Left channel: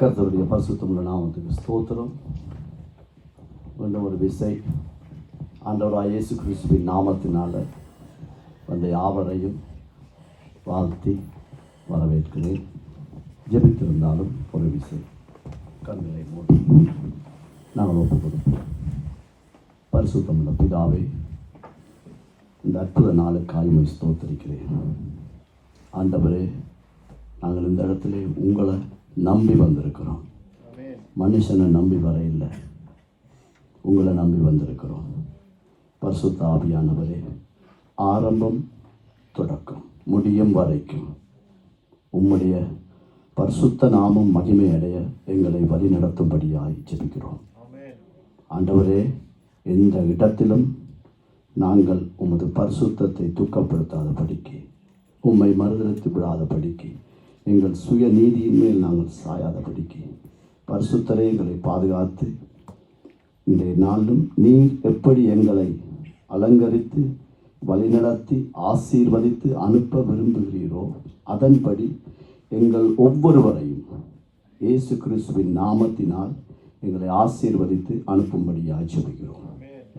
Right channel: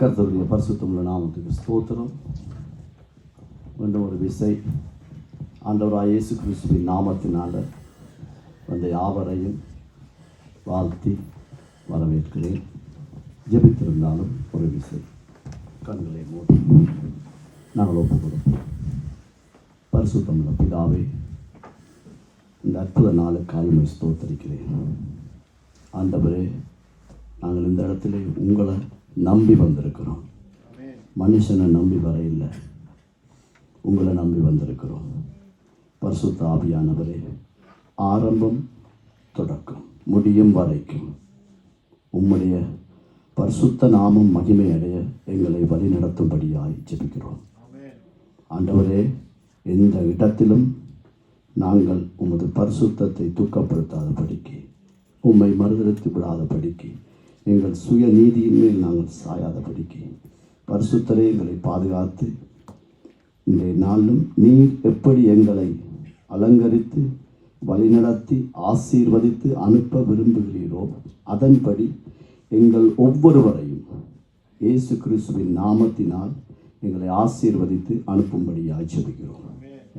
கர்த்தருடைய பரிசுத்தமுள்ள நாமத்துக்கு ஸ்தோத்திரம். மீண்டும் ஒரு விசை ஆண்டவராகிய இயேசு கிறிஸ்துவின் நாமத்தினால வந்த யாவரையும் வாழ்த்தி வரவேற்கிறேன். ஜெபித்திருந்தாலும் ஒரு விசை கண்களை மூடி நாங்கள் ஒப்புக்கொடுப்போம். பரிசுத்தமுள்ள பிதாவே, இந்த அற்புத நாளுக்காய் ஸ்தோத்தரிக்கிறேன். ஆண்டவரே, நாங்கள் இந்த இடத்துல உங்களை நம்பி வந்திருக்கிறோம். மனுஷனை நம்பி வர இல்லை, உங்களை நம்பி வந்திருக்கிறோம். பரிசுத்த ஆவியானவரே, ஆரம்பம் தொடக்கம் முடியும் வரைக்கும் உம்முடைய பரிசுத்த நாமம் மகிமை அடைய எங்களை வழிநடத்தும்படியாய் ஜெபிக்கிறோம். ஆண்டவரே, எந்த இடத்திலும் நாங்கள் உமது பரிசுத்தத்தை தூக்கப்படுத்தாதபடிக்கு, உம்மை மறுதலித்து விடாதபடிக்கு, எங்கள் சுய நீதியின் மேல் நாங்கள் சாயாதபடிக்கு பரிசுத்தரே எங்களை பாதுகாத்து இன்றைய நாளும் நீர் எப்படி எங்களை அலங்கரித்து வழிநடத்தி ஆசீர்வதித்து அனுப்ப விரும்புகிறீரோ அதன்படி எங்கள் ஒவ்வொருவரையும் இயேசு கிறிஸ்துவின் நாமத்தினால் எங்களை ஆசீர்வதித்து அனுப்பும்படியாக ஜெபிக்கிறோம்.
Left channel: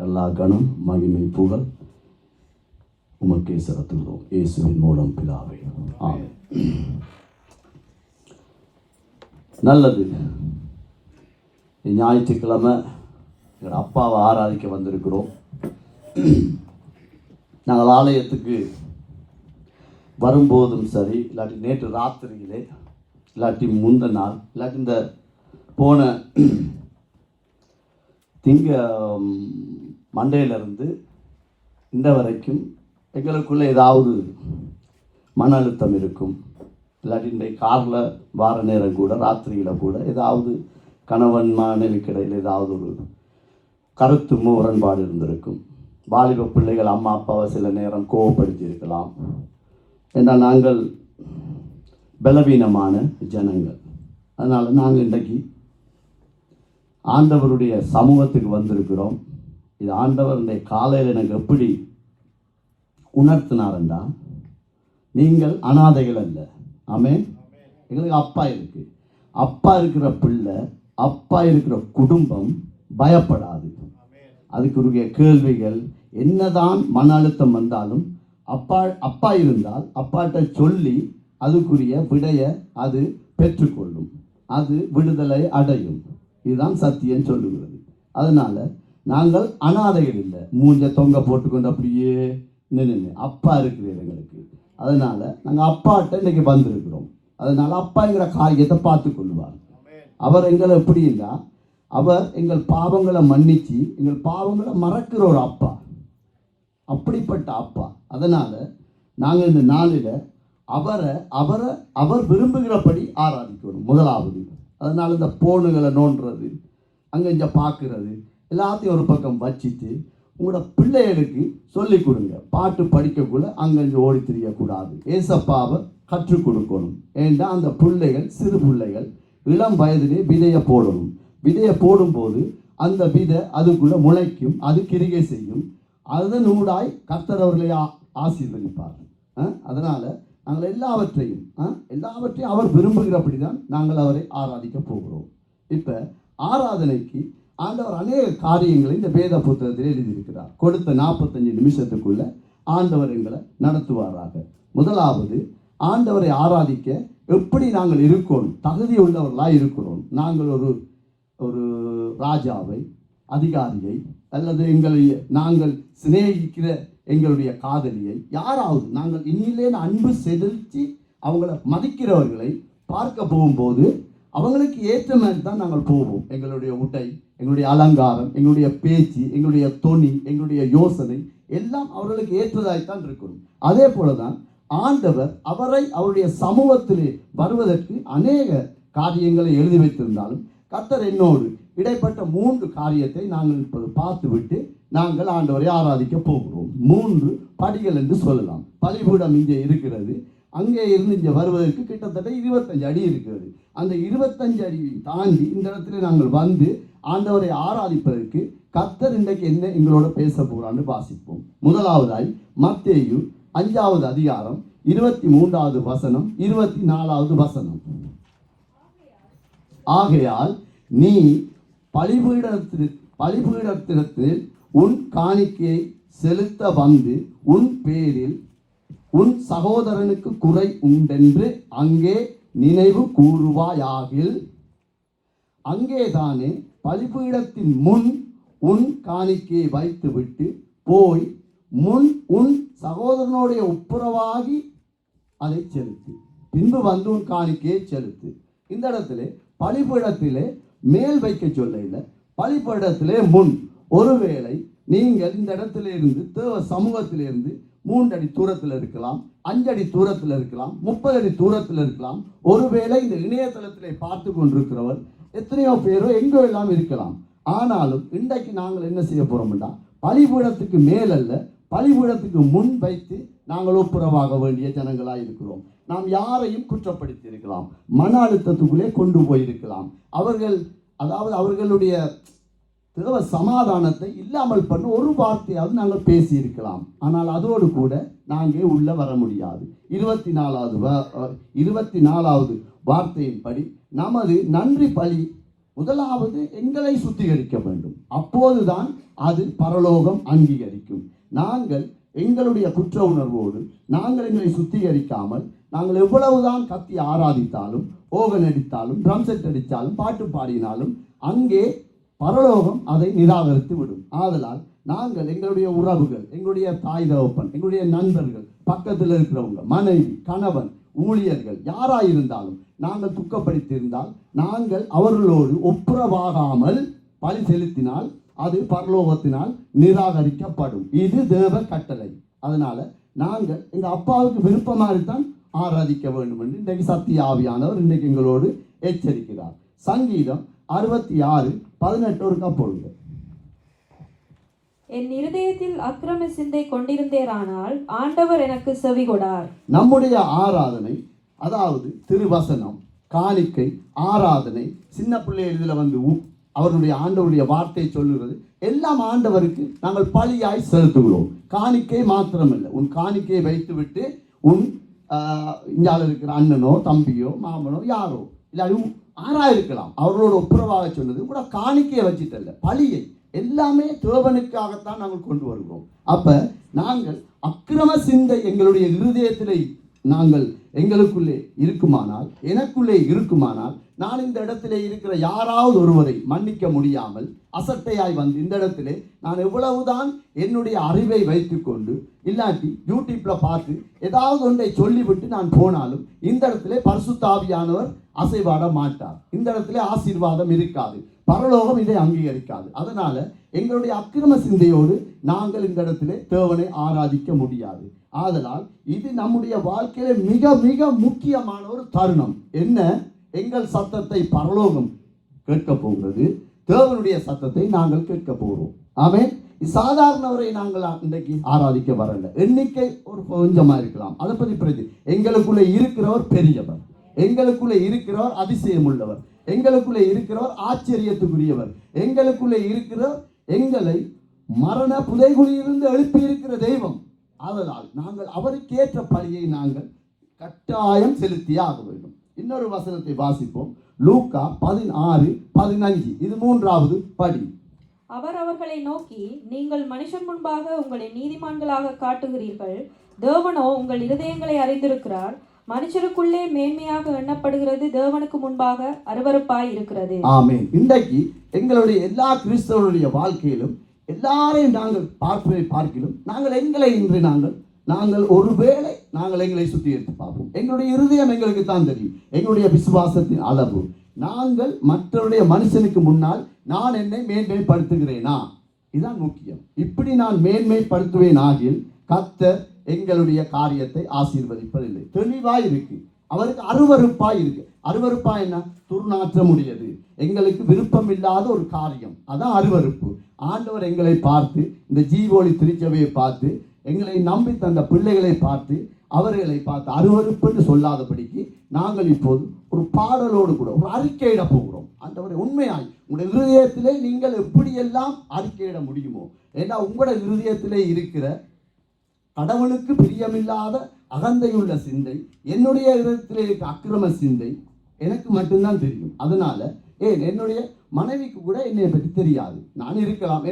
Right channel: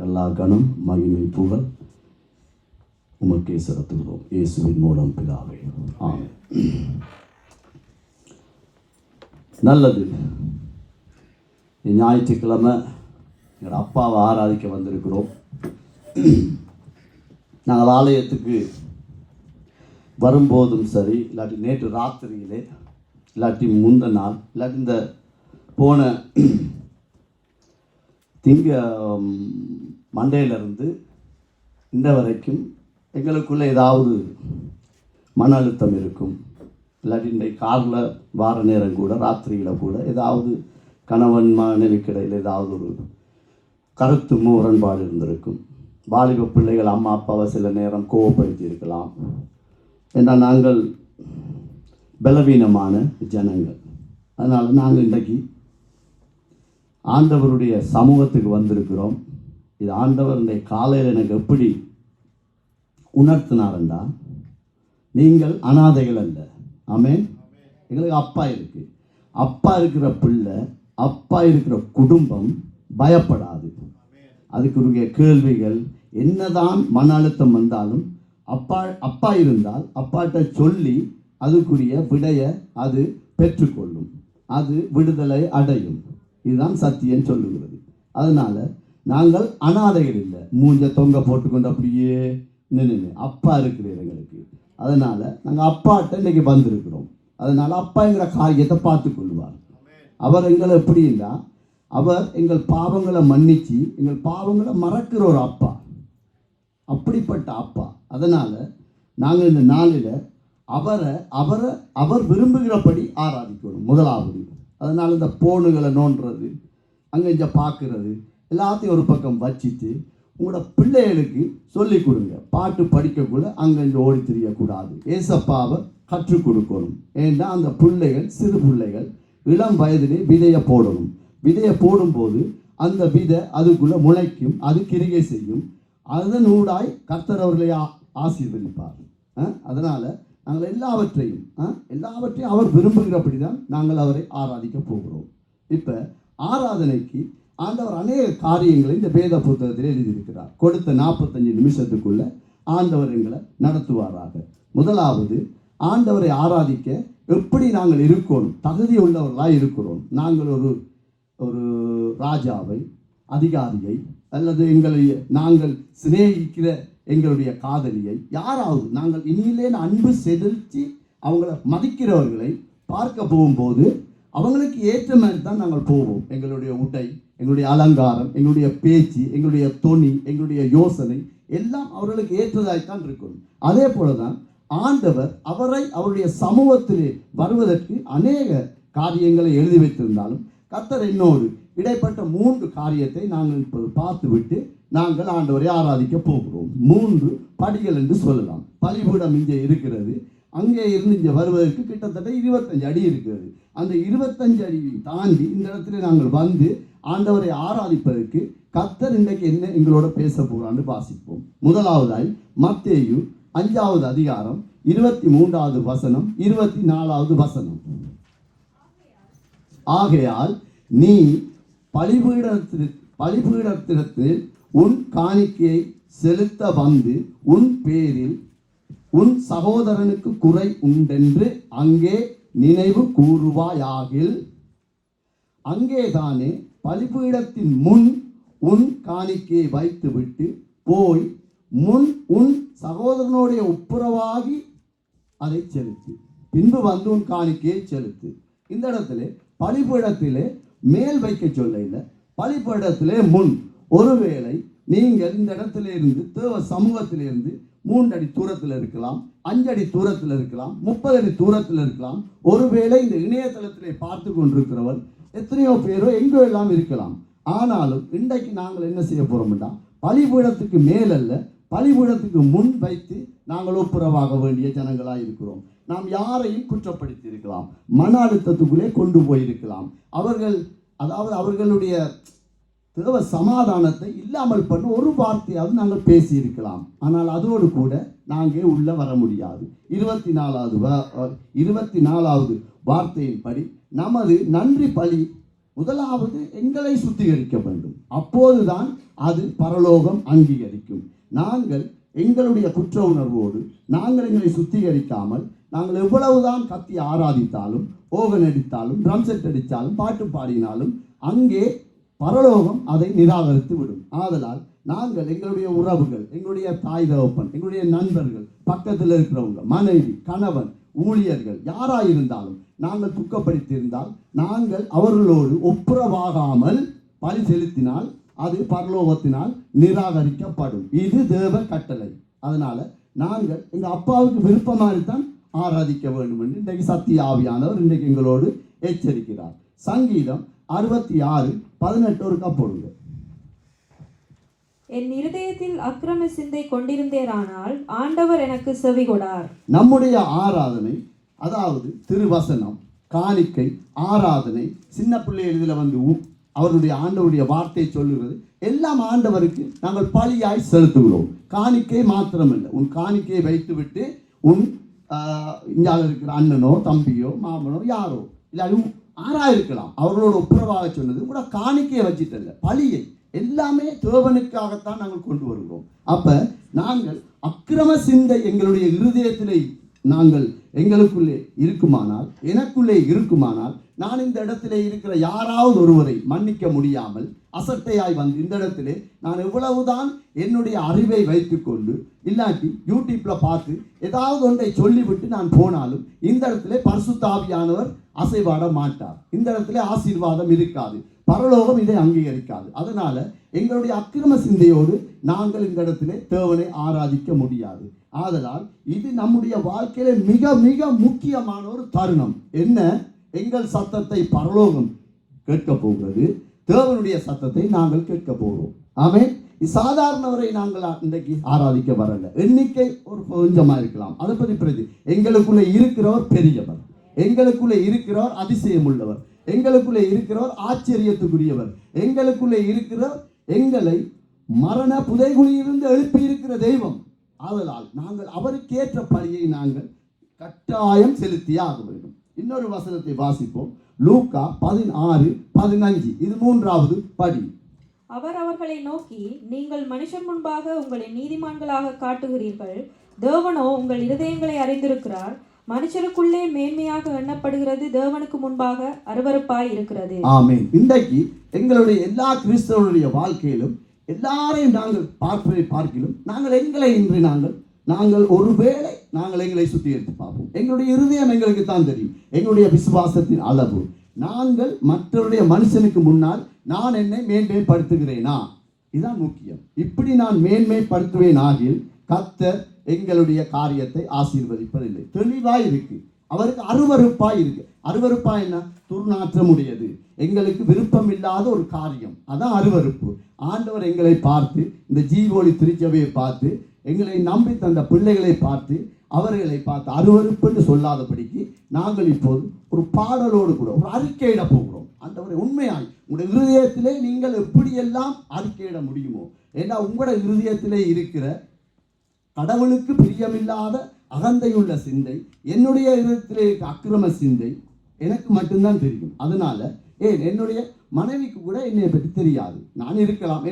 எல்லா கனம் மகிமை புகழ் உமக்கே செலுத்துகிறோம், இயேசுவின் மூலம் பிதாவே, ஆமென். நல்லது. ஞாயிற்றுக்கிழமை எங்கள் அப்பாவை ஆராதிக்க வந்திருக்கிறோம். நாங்கள் ஆலயத்துக்கு வரும்போதும் சரி, இல்லாட்டி நேற்று ராத்திரியிலே, இல்லாட்டி முந்த நாள், இல்லாட்டி இந்த போன மண்டையிலிருந்து இந்த வரைக்கும் எங்களுக்குள்ளே ஏதாவது மன அழுத்தம் இருக்கும். இல்லாட்டி இன்றைக்கு காரில் வார நேரம் கூட, ராத்திரியில் கூட ஏதாவது கணவன் மனைவிக்கு இடையில் ஏதாவது ஒரு கருத்து முரண்பாடு இருந்திருக்கும். வாலிப பிள்ளைகள் அம்மா அப்பாவை சில நேரம் கோவப்படுத்தி இருக்கலாம். ஏன்னா நாங்கள் பலவீனமான ஜனங்கள். அதனால் நாங்கள் இன்றைக்கு ஆண்டவருடைய சமூகத்துக்கு வந்திருக்கிறோம். இது ஆண்டவர் இன்றைய காலையில் எனக்கு எப்படி உணர்த்தினார் என்றால், நீங்கள் அனாதைகள் அல்ல. ஆமென். எங்களுக்கு அப்பா இருக்கு. அப்பா இருக்கிற பிள்ளை, அப்பா இருக்கிற குடும்பம் பயப்படாது. அதுக்குரிய கேள்விகள் என்னதான் மன அழுத்தம் வந்தாலும் அப்பா இருந்தால் அப்பாட்ட சொல்லி அதுக்குரிய விடைய அது பெற்றுக்கொள்ளும், அது விடுதலை அடையும். இதுதான் சத்தியம் சொல்லுகிறது. அதனால நாங்கள் அனாதைகள் இல்லை, மூஞ்ச தொங்க போட்டுக்கொண்டு அப்படியே நின்று அப்பா இருக்கிறார் எங்களுக்கு. அதனால நாங்கள் அப்பாட்ட இன்னைக்கு வந்திருக்கிறோம். அதனால அப்பா எங்களை காரியத்தை பார்த்து கொள்வார். அவர் எங்களை எப்படி இல்லை, அவர் எங்கள் பாவங்களை மன்னிச்சு எங்கள் பாவங்களை மறக்கிற ஒரு அப்பா, அப்படிப்பட்ட அப்பா. அதனால நாங்கள் இந்த நாளில் அவர் விரும்புகிறபடி ஆராதிக்கணும் முதலாவது. அதனால இந்த போனுகளை நோண்டுறது, அங்கே இங்கே பார்க்கறது எல்லாத்தையும் ஒரு பக்கம் வச்சுட்டு உங்களோட பிள்ளைகளுக்கு சொல்லிக் கொடுங்க. பாட்டு படிக்கக்கூட அங்கங்கே ஓடி தெரியக்கூடாது. ஏசப்பாவை கற்றுக் கொடுக்கணும். ஏன்னா அந்த பிள்ளைகள், சிறு பிள்ளைகள் இளம் வயதிலே விதையை போடணும். விதையை போடும்போது அந்த விதை அதுக்குள்ளே முளைக்கும், அது கிரிகை செய்யும். அதனூடாய் கர்த்தர் அவர்களை ஆசீர்வதிப்பார். அதனால் நாங்கள் எல்லாவற்றையும் அவர் விரும்புகிறபடி தான் நாங்கள் அவரை ஆராதிக்க போகிறோம். இப்போ ஆராதனைக்கு ஆண்டவர் அநேக காரியங்களை இந்த வேத புத்தகத்தில் எழுதியிருக்கிறார். கொடுத்த 45 நிமிஷத்துக்குள்ள ஆண்டவர் எங்களை நடத்துவாராக. முதலாவது, ஆண்டவரை ஆராதிக்க எப்படி நாங்கள் இருக்கணும், தகுதி உள்ளவர்களாக இருக்கிறோம். நாங்கள் ஒரு ராஜாவை, அதிகாரியை, அல்லது நாங்கள் சிநேகிக்கிற எங்களுடைய காதலியை, யாராவது நாங்கள் இனியிலே அன்பு செலுத்தி அவங்கள மதிக்கிறவர்களை பார்க்க போகும்போது அவங்களுக்கு ஏற்ற மாதிரி தான் நாங்கள் போவோம். எங்களுடைய உடை, எங்களுடைய அலங்காரம், எங்களுடைய பேச்சு, எங்களுடைய தொனி, எங்களுடைய யோசனை எல்லாம் அவர்களுக்கு ஏற்றதாய்த்தான் இருக்கணும். அதே போலதான் ஆண்டவர் அவருடைய சமூகத்திலே வருவதற்கு அநேக காரியங்களை எழுதி வைத்திருந்தாலும் கர்த்தர் என்னோடு இடைப்பட்ட 3 காரியத்தை நாங்கள் இப்போது பார்த்துவிட்டு நாங்கள் ஆண்டவரை ஆராதிக்க போகிறோம். 3 படிகள் என்று சொல்லலாம். பலிபீடம் இங்கே இருக்கிறது. அங்கே இருந்து இங்கே வருவதற்கு கிட்டத்தட்ட 25 அடி இருக்கிறது. அந்த 25 அடியை தாண்டி இந்த இடத்துல நாங்கள் வந்து ஆண்டவரை ஆராதிப்பதற்கு கர்த்தர் இன்றைக்கு என்ன எங்களோட பேச போறான்னு வாசிப்போம். முதலாவதாய் மத்தேயு 5வது அதிகாரம் 23வது வசனம் 24வது வசனம். ஆகையால் நீ பலிபீடத்திடத்தில் உன் காணிக்கையை செலுத்த வந்து உன் பேரில் உன் சகோதரனுக்கு குறை உண்டென்று அங்கே நினைவு கூறுவாயாகில் அங்கேதானே பலிபீடத்தின் முன் உன் காணிக்கையை வைத்துவிட்டு போய் முன் உன் சகோதரனுடைய ஒப்புரவாகி அதை செலுத்து, பின்பு வந்து உன் காணிக்கையை செலுத்து. இந்த இடத்துல பலிபீடத்திலே மேல் வைக்க சொல்ல இல்லை, பலிபீடத்திலே முன். ஒருவேளை நீங்கள் இந்த இடத்துல இருந்து தேவ சமூகத்திலிருந்து 3 அடி தூரத்தில் இருக்கலாம், 5 அடி தூரத்தில் இருக்கலாம், 30 அடி தூரத்தில் இருக்கலாம். ஒருவேளை இந்த இணையதளத்திலே பார்த்து கொண்டிருக்கிறவர் எத்தனையோ பேரோ எங்கோ எல்லாம் இருக்கலாம். ஆனாலும் இன்றைக்கு நாங்கள் என்ன செய்ய போறோம்னா, பலிபீடத்துக்கு மேலல்ல, பலிபீடத்துக்கு முன் வைத்து நாங்கள் ஒப்புரவாக வேண்டிய ஜனங்களாக இருக்கிறோம். நாம் யாரையும் குற்றப்படுத்தி இருக்கலாம், மன அழுத்தத்துக்குள்ளே கொண்டு போயிருக்கலாம். அவர்களுடைய தேவ சமாதானத்தை இல்லாமல் பண்ண ஒரு வார்த்தையாவது நாங்கள் பேசி இருக்கலாம். ஆனால் அதோடு கூட நாங்கள் உள்ள வர முடியாது. 24வது வார்த்தையின்படி நமது நன்றி பலி முதலாவது எங்களை சுத்திகரிக்க வேண்டும். அப்போதுதான் அது பரலோகம் அங்கீகரிக்கும். நாங்கள் எங்களுடைய குற்ற உணர்வோடு நாங்கள் எங்களை சுத்திகரிக்காமல் நாங்கள் எவ்வளவுதான் கத்தி ஆராதித்தாலும், ஓகன் அடித்தாலும், ட்ரம் செட் அடித்தாலும், பாட்டு பாடினாலும் அங்கே பரலோகம் அதை நிராகரித்து விடும். ஆதலால் நாங்கள் எங்களுடைய உறவுகள், எங்களுடைய தாய் தகப்பன், எங்களுடைய நண்பர்கள், பக்கத்தில் இருக்கிறவங்க, மனைவி, கணவன், ஊழியர்கள் யாராயிருந்தாலும் நாங்கள் துக்கப்படுத்தியிருந்தால் நாங்கள் அவர்களோடு ஒப்புரவாகாமல் பலி செலுத்தினால் அது பரலோகத்தினால் நிராகரிக்கப்படும். இது தேவ கட்டளை. அதனால நாங்கள் எங்கள் அப்பாவுக்கு விருப்பமாகத்தான் ஆராதிக்க வேண்டும் என்று இன்றைக்கு சத்திய ஆவியானவர் இன்றைக்கு எங்களோடு எச்சரிக்கிறார். சங்கீதம் 66:18 ஒருக்கா போடுங்க. என் இருதயத்தில் அக்கிரம சிந்தை கொண்டிருந்தேரானால் ஆண்டவர் எனக்கு செவி கொடார். நம்முடைய ஆராதனை, அதாவது திருவசனம், காணிக்கை, ஆராதனை, சின்ன பிள்ளைகள் இதில் வந்து அவருடைய ஆண்டவருடைய வார்த்தை சொல்லுகிறது எல்லாம் ஆண்டவருக்கு நாங்கள் பலியாய் செலுத்துகிறோம். காணிக்கை மாத்திரமில்லை, உன் காணிக்கையை வைத்துவிட்டு உன் இங்கால இருக்கிற அண்ணனோ தம்பியோ மாமனோ யாரோ இல்லை ஆராயிருக்கலாம், அவர்களோட ஒப்புரவாக சொன்னது கூட காணிக்கையை வச்சுட்டல்ல, பலியை எல்லாமே தேவனுக்காகத்தான் நாங்கள் கொண்டு வருகிறோம். அப்ப நாங்கள் அக்கிரம சிந்தை எங்களுடைய இருதயத்திலே எங்களுக்குள்ளே இருக்குமானால், எனக்குள்ளே இருக்குமானால், நான் இந்த இடத்திலே இருக்கிற யாராவது ஒருவரை மன்னிக்க முடியாமல் அசட்டையாய் வந்து இந்த இடத்திலே நான் எவ்வளவுதான் என்னுடைய அறிவை வைத்துக்கொண்டு இல்லாட்டி யூடியூப்ல பார்த்து ஏதாவது ஒன்றை சொல்லிவிட்டு நான் போனாலும் இந்த இடத்திலே பரிசுத்த ஆவியானவர் அசைவாட மாட்டார். இந்த இடத்திலே ஆசீர்வாதம் இருக்காது, பரலோகம் இதை அங்கீகரிக்காது. அதனால எங்களுடைய அக்கிரம சிந்தையோடு நாங்கள் இந்த இடத்திலே தேவனை ஆராதிக்க முடியாது. ஆதலால் இது நம்முடைய வாழ்க்கையில மிக மிக முக்கியமான ஒரு தருணம். என்ன? எங்கள் சத்தத்தை பரலோகம் கேட்க போகிறது, தேவனுடைய சத்தத்தை நாங்கள் கேட்க போகிறோம். ஆமென். சாதாரணவரை நாங்கள் இன்றைக்கு ஆராதிக்க வரல. எண்ணிக்கை ஒரு கொஞ்சமா இருக்கலாம், அதை பற்றி பிரதி. எங்களுக்குள்ளே இருக்கிறவர் பெரியவர், எங்களுக்குள்ளே இருக்கிறவர் அதிசயம் உள்ளவர், எங்களுக்குள்ளே இருக்கிறவர் ஆச்சரியத்துக்குரியவர், எங்களுக்குள்ளே இருக்கிறவர் எங்களை மரண புதைகுழியிலிருந்து எழுப்பி இருக்கிற தெய்வம். அதனால் நாங்கள் அவருக்கேற்ற பலியை நாங்கள் கட்டாயம் செலுத்தியே ஆக வேண்டும். இன்னொரு வசனத்தை வாசிப்போம். லூக்கா 16:15. இது 3வது படி. அவர் அவர்களை நோக்கி, நீங்கள் மனுஷன் முன்பாக உங்களை நீதிமான்களாக காட்டுகிறீர்கள், தேவனோ உங்கள் இருதயங்களை அறிந்திருக்கிறார். மனுஷருக்குள்ளே மேன்மையாக எண்ணப்படுகிறது தேவனுக்கு முன்பாக அருவருப்பாய் இருக்கிறது. ஆமென். இன்றைக்கு எங்களுடைய எல்லா கிறிஸ்தவனுடைய வாழ்க்கையிலும் எல்லாரையும் நாங்கள் பார்க்கிறோம். நாங்கள் எங்களை இன்று நாங்கள் ஒருவேளை நாங்கள் எங்களை சுற்றி எடுத்து பார்ப்போம். எங்களுடைய இருதயம் எங்களுக்கு தான் தெரியும், எங்களுடைய விசுவாசத்தின் அளவு. நாங்கள் மற்றவருடைய மனுஷனுக்கு முன்னால் நான் என்னை மேன்மைப்படுத்துகிறேனா? இதுதான் முக்கியம். இப்படி நான் மேன்மைப்படுத்துவேன் ஆகில் கர்த்தர் எங்களுடைய காரியத்தை ஆசீர்வதிப்பதில்லை. தெளிவாய் இருக்கு, அவருக்கு அருவருப்பாய் இருக்கு. அருவருப்பாய் என்ன? துர்நாற்றம் உடையது, எங்களுக்கு விருப்பம் இல்லாத ஒரு காரியம், அதான் அருவருப்பு. ஆண்டவர் எங்களை பார்த்து, இந்த ஜீவோலி திருச்சபையை பார்த்து, எங்களை நம்பி தந்த பிள்ளைகளை பார்த்து, அவர்களை பார்த்து அருவருப்புன்னு சொல்லாதபடிக்கு நாங்கள் இப்போது ஒரு பாடலோடு கூட ஒரு அறிக்கையிட போகிறோம். ஆண்டவரை உண்மையாய் உங்களுடைய இருதயத்திலே நீங்கள் எப்படியெல்லாம் அறிக்கையிட முடியுமோ, ஏன்னா உங்களுடைய இருதயத்திலே இருக்கிற கடவுளுக்கு பிரியமில்லாத அகந்தையுள்ள சிந்தை, என்னுடைய இதயத்திலே இருக்க அக்கிரம சிந்தை எனக்கு மட்டும்தான் தெரியும். அதனால ஏன் என்னுடைய மனைவிக்கு கூட என்னை பற்றி தெரியாது. நான் இருக்கலாம்,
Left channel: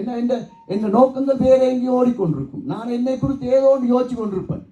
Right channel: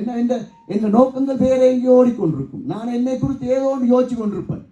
என்ன நோக்கங்கள் வேற எங்கேயோ ஓடிக்கொண்டிருக்கும். நான் என்னை குறித்து ஏதோ ஒன்று யோசிச்சு கொண்டிருப்பேன்.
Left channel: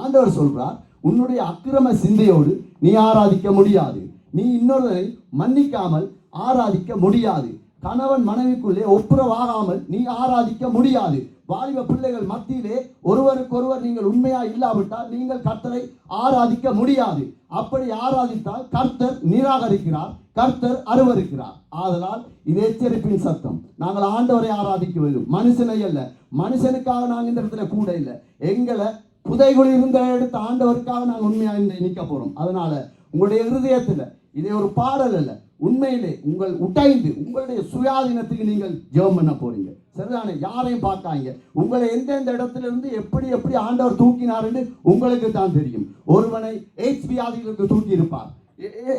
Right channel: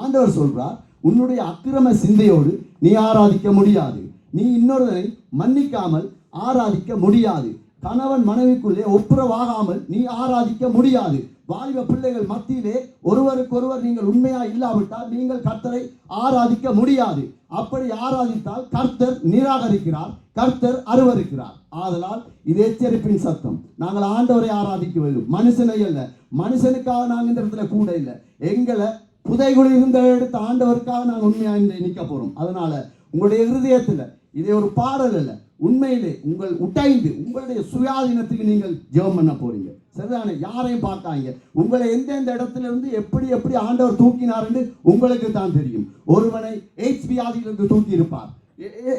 ஆண்டவர் சொல்றார், உன்னுடைய அக்கிரம சிந்தையோடு நீ ஆராதிக்க முடியாது. நீ இன்னொருவரை மன்னிக்காமல் ஆராதிக்க முடியாது. கணவன் மனைவிக்குள்ளே ஒப்புரவாகாமல் நீ ஆராதிக்க முடியாது. வாலிப பிள்ளைகள் மத்தியிலே ஒருவருக்கொருவர் நீங்கள் உண்மையா இல்லாவிட்டால் நீங்கள் கர்த்தரை ஆராதிக்க முடியாது. அப்படி ஆராதித்தால் கர்த்தர் நிராகரிக்கிறார், கர்த்தர் அருவருக்கிறார். ஆதலால் இது எச்சரிப்பின் சத்தம். நாங்கள் ஆண்டவரை ஆராதிக்க வேண்டும், மனுஷனை அல்ல. மனுஷனுக்காக நாங்கள் இந்த இடத்துல கூட இல்லை. எங்களை புதைகுழி இருந்த எடுத்த ஆண்டவருக்காக நாங்கள் உண்மையாக நிற்க போறோம். அதனால உங்களுடைய இருதயத்தில் இதே ஒரு பாடல் அல்ல, உண்மையிலே உங்களுடைய சுயாதீனத்துக்கு நீங்கள் ஜெபம் பண்ண போறீங்க. சரிதானே? யாரையும் பார்க்காங்க. உங்களை எந்தெந்த இடத்துல இருந்து எப்படி ஆண்டவர் தூக்கினார் என்று உங்களுக்கு தான் தெரியும். ஒருவனை எய்ட்ஸ் வியாதியிலிருந்து தூக்கி இருப்பார்,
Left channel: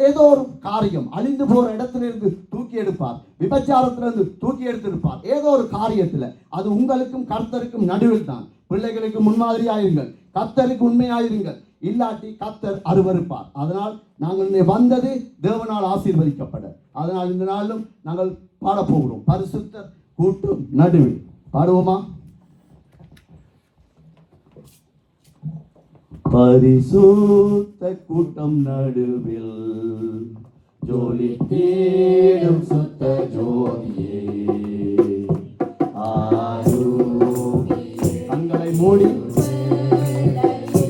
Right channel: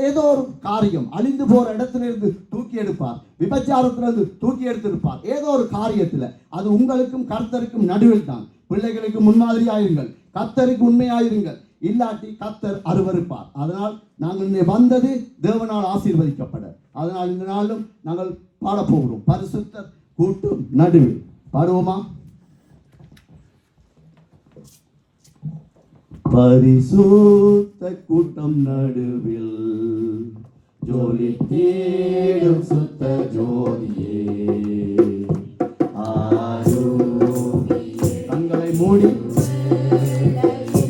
ஏதோ ஒரு காரியம் அழிந்து போற இடத்துல இருந்து தூக்கி எடுப்பார், விபச்சாரத்திலிருந்து தூக்கி எடுத்திருப்பார். ஏதோ ஒரு காரியத்துல அது உங்களுக்கும் கர்த்தருக்கும் நடுவில் தான். பிள்ளைகளுக்கு முன்மாதிரியாயிருங்கள், கர்த்தருக்கு உண்மையாயிருங்கள். இல்லாட்டி கர்த்தர் அருவருப்பார். அதனால் நாங்கள் வந்தது தேவனால் ஆசீர்வதிக்கப்பட. அதனால் இந்த நாளும் நாங்கள் பாடப்போகிறோம், பரிசுத்தர் கூட்டம் நடுவில். பாடுவோமா? பரிசுத்த கூட்டம் நடுவில் ஜோலி தேடும் சுத்த ஜோதியே, கண்களை மூடி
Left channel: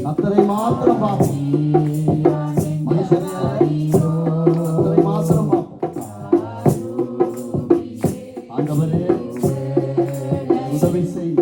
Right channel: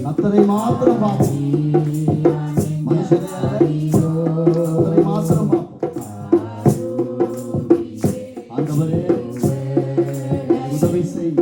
கர்த்தரை மாத்திரம் பார்ப்போம். மனுஷனை கர்த்தரை மாத்திரம் பார்ப்போம். ஆண்டவரே உதவி செய்.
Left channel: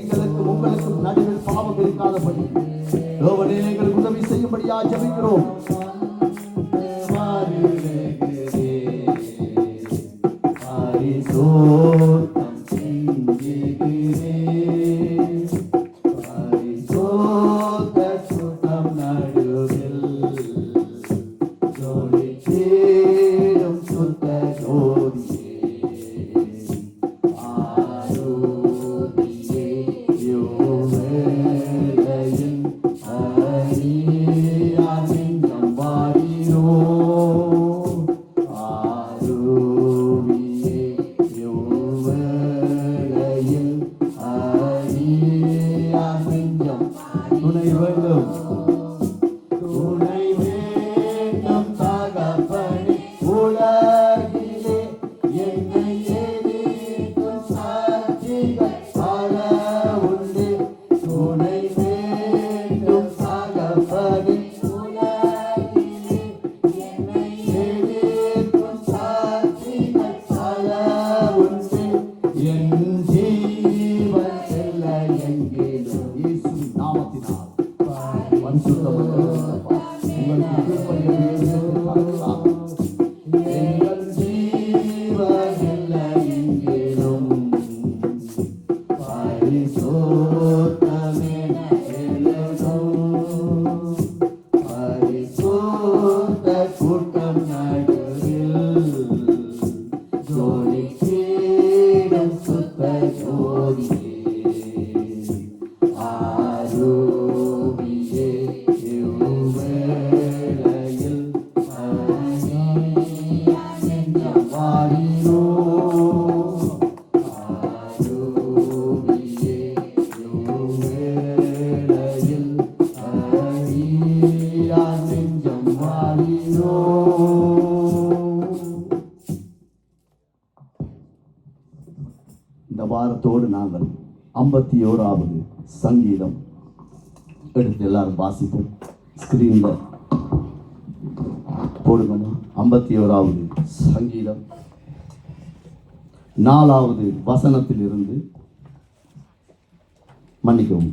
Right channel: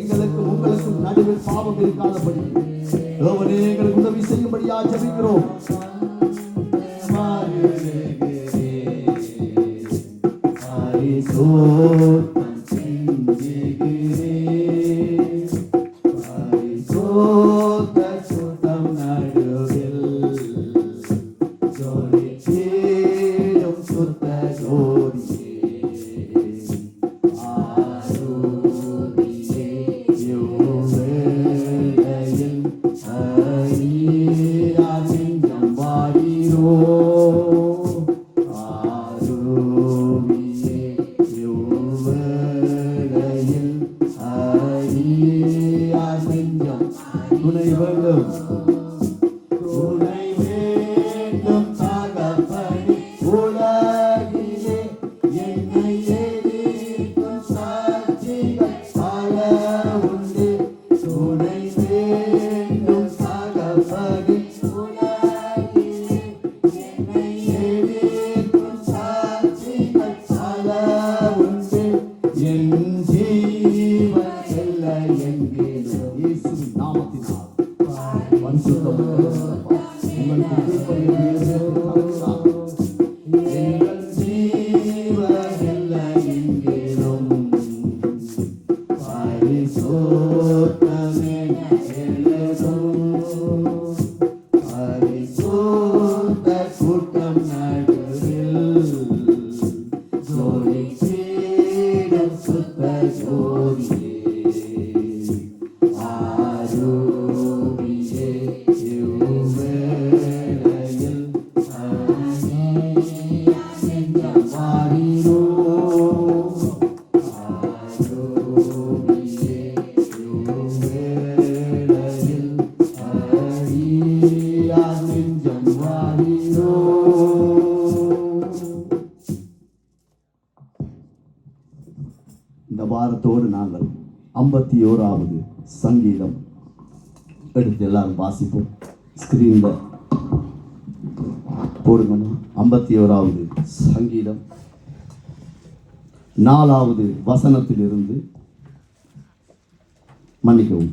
எங்களுக்கு உங்களுக்கும் நடுவில் பாவம் இருக்காதபடி எங்களுக்கு உதவி செய்யும்படியா ஜெபிக்கிறோம். எங்கேயும் இயேசுவின் நாமத்தினால் பரிசுத்தமாக உங்களுக்கு கீழ்ப்படிந்து இருக்கிறார். எங்கள் ஜீவன் இல்லை எங்கேயும் பரிசுத்தமே எழுதும் பரிசுத்த கூட்டம் நடுவில் ஜோதி தேடும் சுத்த ஜோதியே ஆரோபியே இவ்வேளையில் நெஞ்சம் மாறினோ ஆரோபியே இவ்வேளையில் அடியா நெஞ்சம் மாறினோ. இந்த வாரத்தோடு நாங்கள் 51வது சங்கீதம் எடுத்து எல்லாரும் வாசிப்போம். ஸ்கிரீன்ல போடுங்க. 51வது சங்கீதம் 4வது வசனத்திலிருந்து மன்னிக்கவும்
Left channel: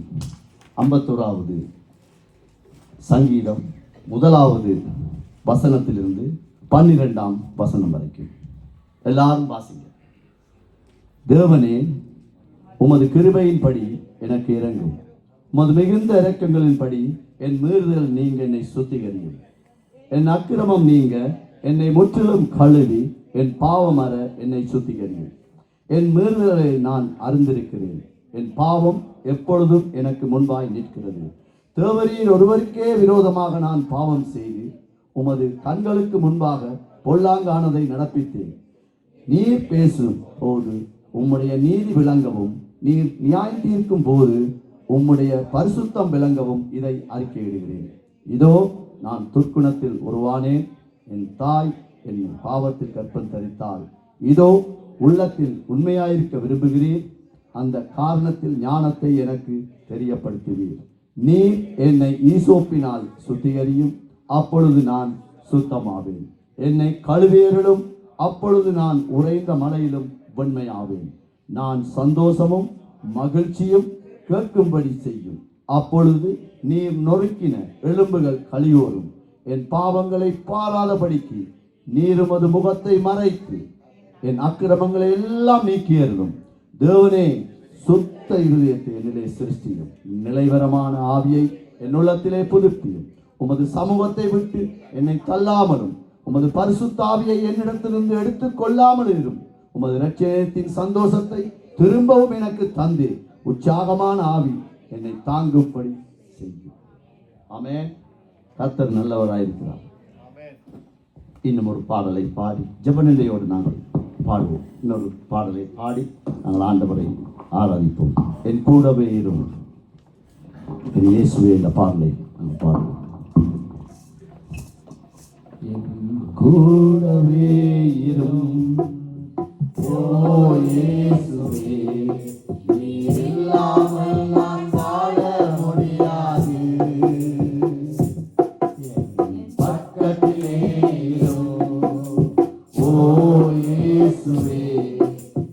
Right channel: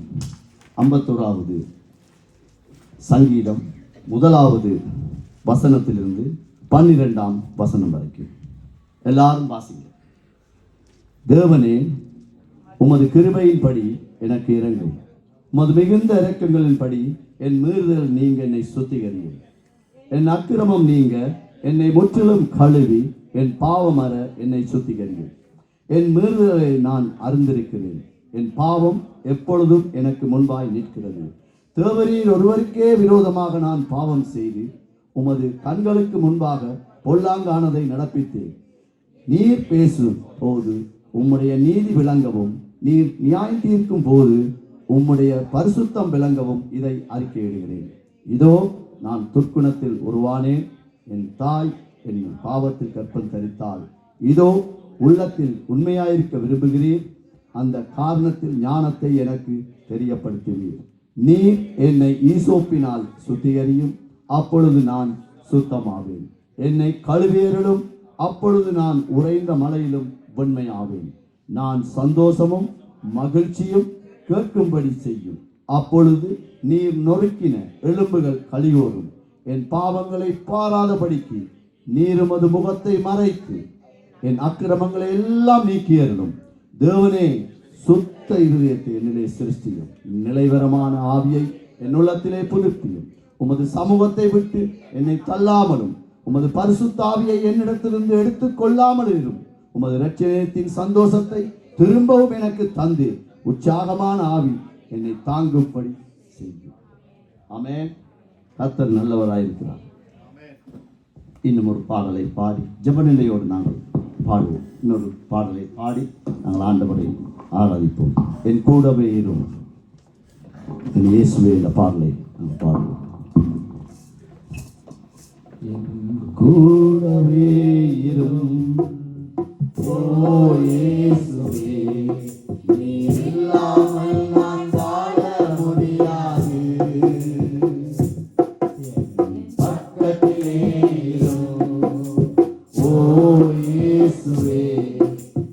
51வது சங்கீதம் 1வது வசனத்திலிருந்து 12ஆம் வசனம் வரைக்கும் எல்லாரும் வாசிங்க. தேவனே, உமது கிருபையின்படி எனக்கு இறங்கும், உமது மிகுந்த இரக்கங்களின்படி என் மீறுதல் நீங்க என்னை சுத்திகரியும். என் அக்கிரமம் நீங்க என்னை முற்றிலும் கழுவி என் பாவம் அற என்னை சுத்திகரியும். என் மீறுதலை நான் அறிந்திருக்கிறேன், என் பாவம் எப்பொழுதும் எனக்கு முன்பாய் நிற்கிறது. தேவரீர் ஒருவருக்கே விரோதமாக நான் பாவம் செய்து உமது கண்களுக்கு முன்பாக பொல்லாங்கானதை நடப்பித்தேன். நீர் பேசும் போது உம்முடைய நீதி விளங்கவும், நீர் நியாயம் தீர்க்கும் போது உம்முடைய பரிசுத்தம் விளங்கவும் இதை அறிக்கையிடுகிறேன். இதோ நான் துர்க்குணத்தில் உருவானேன், என் தாய் என் பாவத்தில் கற்பம் தரித்தாள். இதோ உள்ளத்தில் உண்மையாயிருக்க விரும்புகிறேன், அந்த காரணத்தில் ஞானத்தை எனக்கு தெரியப்படுத்துவீர். நீர் என்னை ஈசோப்பினால் சுத்திகரியும், அப்பொழுது நான் சுத்தமாவேன். என்னை கழுவேறிடும், அப்பொழுது நான் உறைந்த மலையிலும் வெண்மையாவேன். நான் சந்தோஷமும் மகிழ்ச்சியும் கேட்கும்படி செய்யும், அப்பொழுது நீர் நொறுக்கின எலும்புகள் கலியோரும். என் பாவங்களை பாராதபடிக்கு நீர் உமது முகத்தை மறைத்து என் அக்கிரமங்களை எல்லாம் நீக்கியருளும். தேவனே, சுத்த இருதயத்தை என்னிலே சிருஷ்டியும், நிலைவரமான ஆவியை என் உள்ளத்திலே புதுப்பியும். உமது சமூகத்தை விட்டு என்னை தள்ளாமலும் உமது பரிசுத்த ஆவியை என்னிடத்திலிருந்து எடுத்துக் கொள்ளாமல் இருக்கும். உமது இரட்சணியத்தின் சந்தோஷத்தை திரும்பவும் எனக்கு தந்து உற்சாகமான ஆவி என்னை தாங்கும்படி செய்யும். ஆமென். கர்த்தர் நல்லவராயிருக்கிறார். இன்னும் ஒரு பாடலை பாடி ஜெபநிலையோடு நாங்கள் பாடுவோம். இன்னொரு பாடலை பாடி நாங்கள் ஆண்டவரை ஆராதிப்போம். என் கூடவே இரும், என் இயேசுவே என்ற பாடலை நாங்கள் பாடுவோம். என் கூடவே இரும், ஓ இயேசுவே, நீர் இல்லாமல் நான் வாழ முடியாது. என் பக்கத்திலே இரும், ஓ இயேசுவே,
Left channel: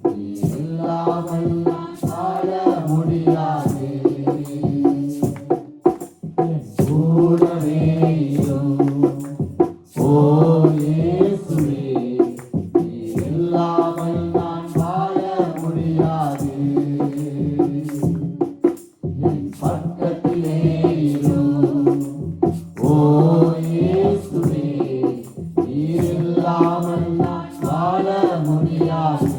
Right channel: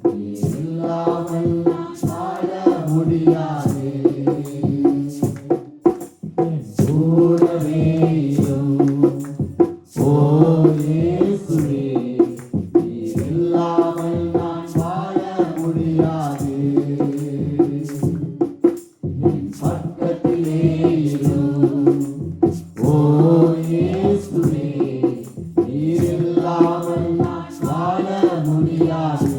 நீர் இல்லாமல் நான் வாழ முடியாது. என் கூடவே இரும், ஓ இயேசுவே, நீர் இல்லாமல் நான் வாழ முடியாது. என் பக்கத்திலே இரும், ஓ இயேசுவே, நீர் இல்லாமல் நான் வாழ முடியாது.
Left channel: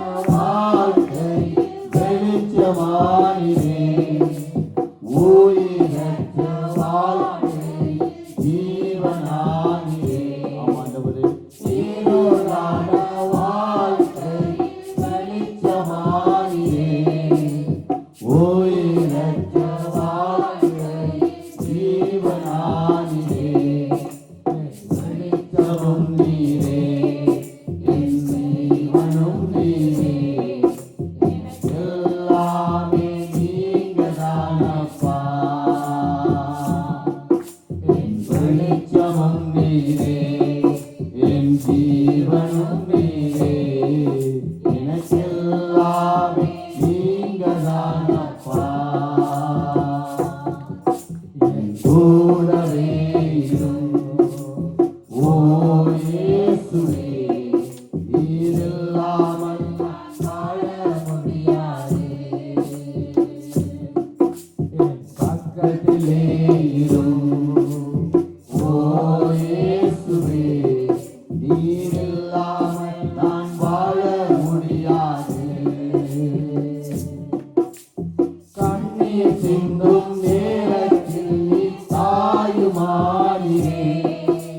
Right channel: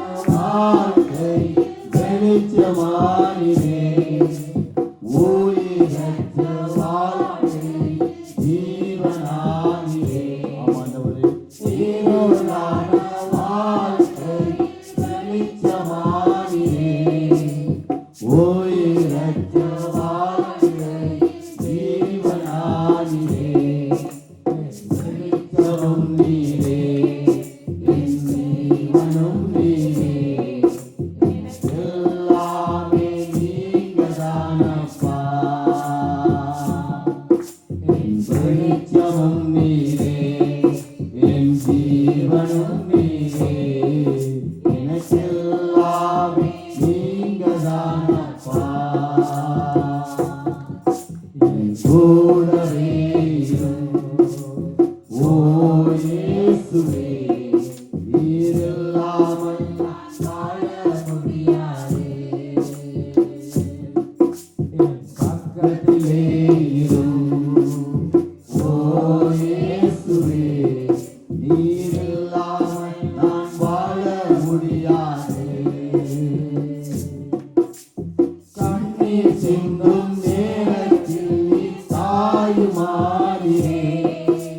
நான் முடியாது. கண்ணீர் சிந்தும் நேரத்தில் நீ தாயுமானியே.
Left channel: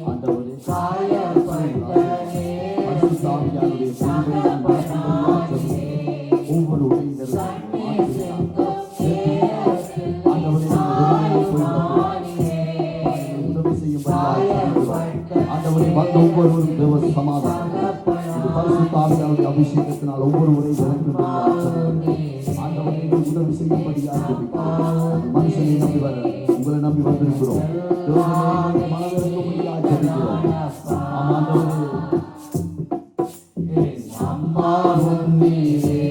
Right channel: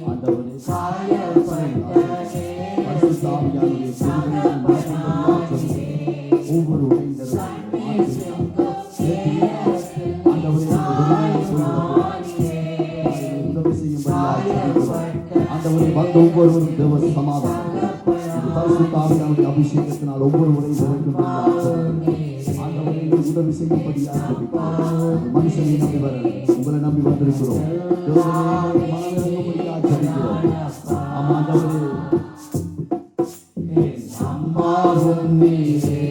ஆண்டவரே, பரிசுத்த ஆவியானவரே, ஒவ்வொரு ஒவ்வொருவரும் தேவ சமாதானம் இது பரிசுத்த ஆவியானவருடைய அபிஷேகத்தினால் ஒவ்வொருவரையும் உதவி செய்யும்படியாக மனுஷனை நம்பி வர உங்களை நம்பி வந்திருக்கிறோம். அம்மாவும் நீரே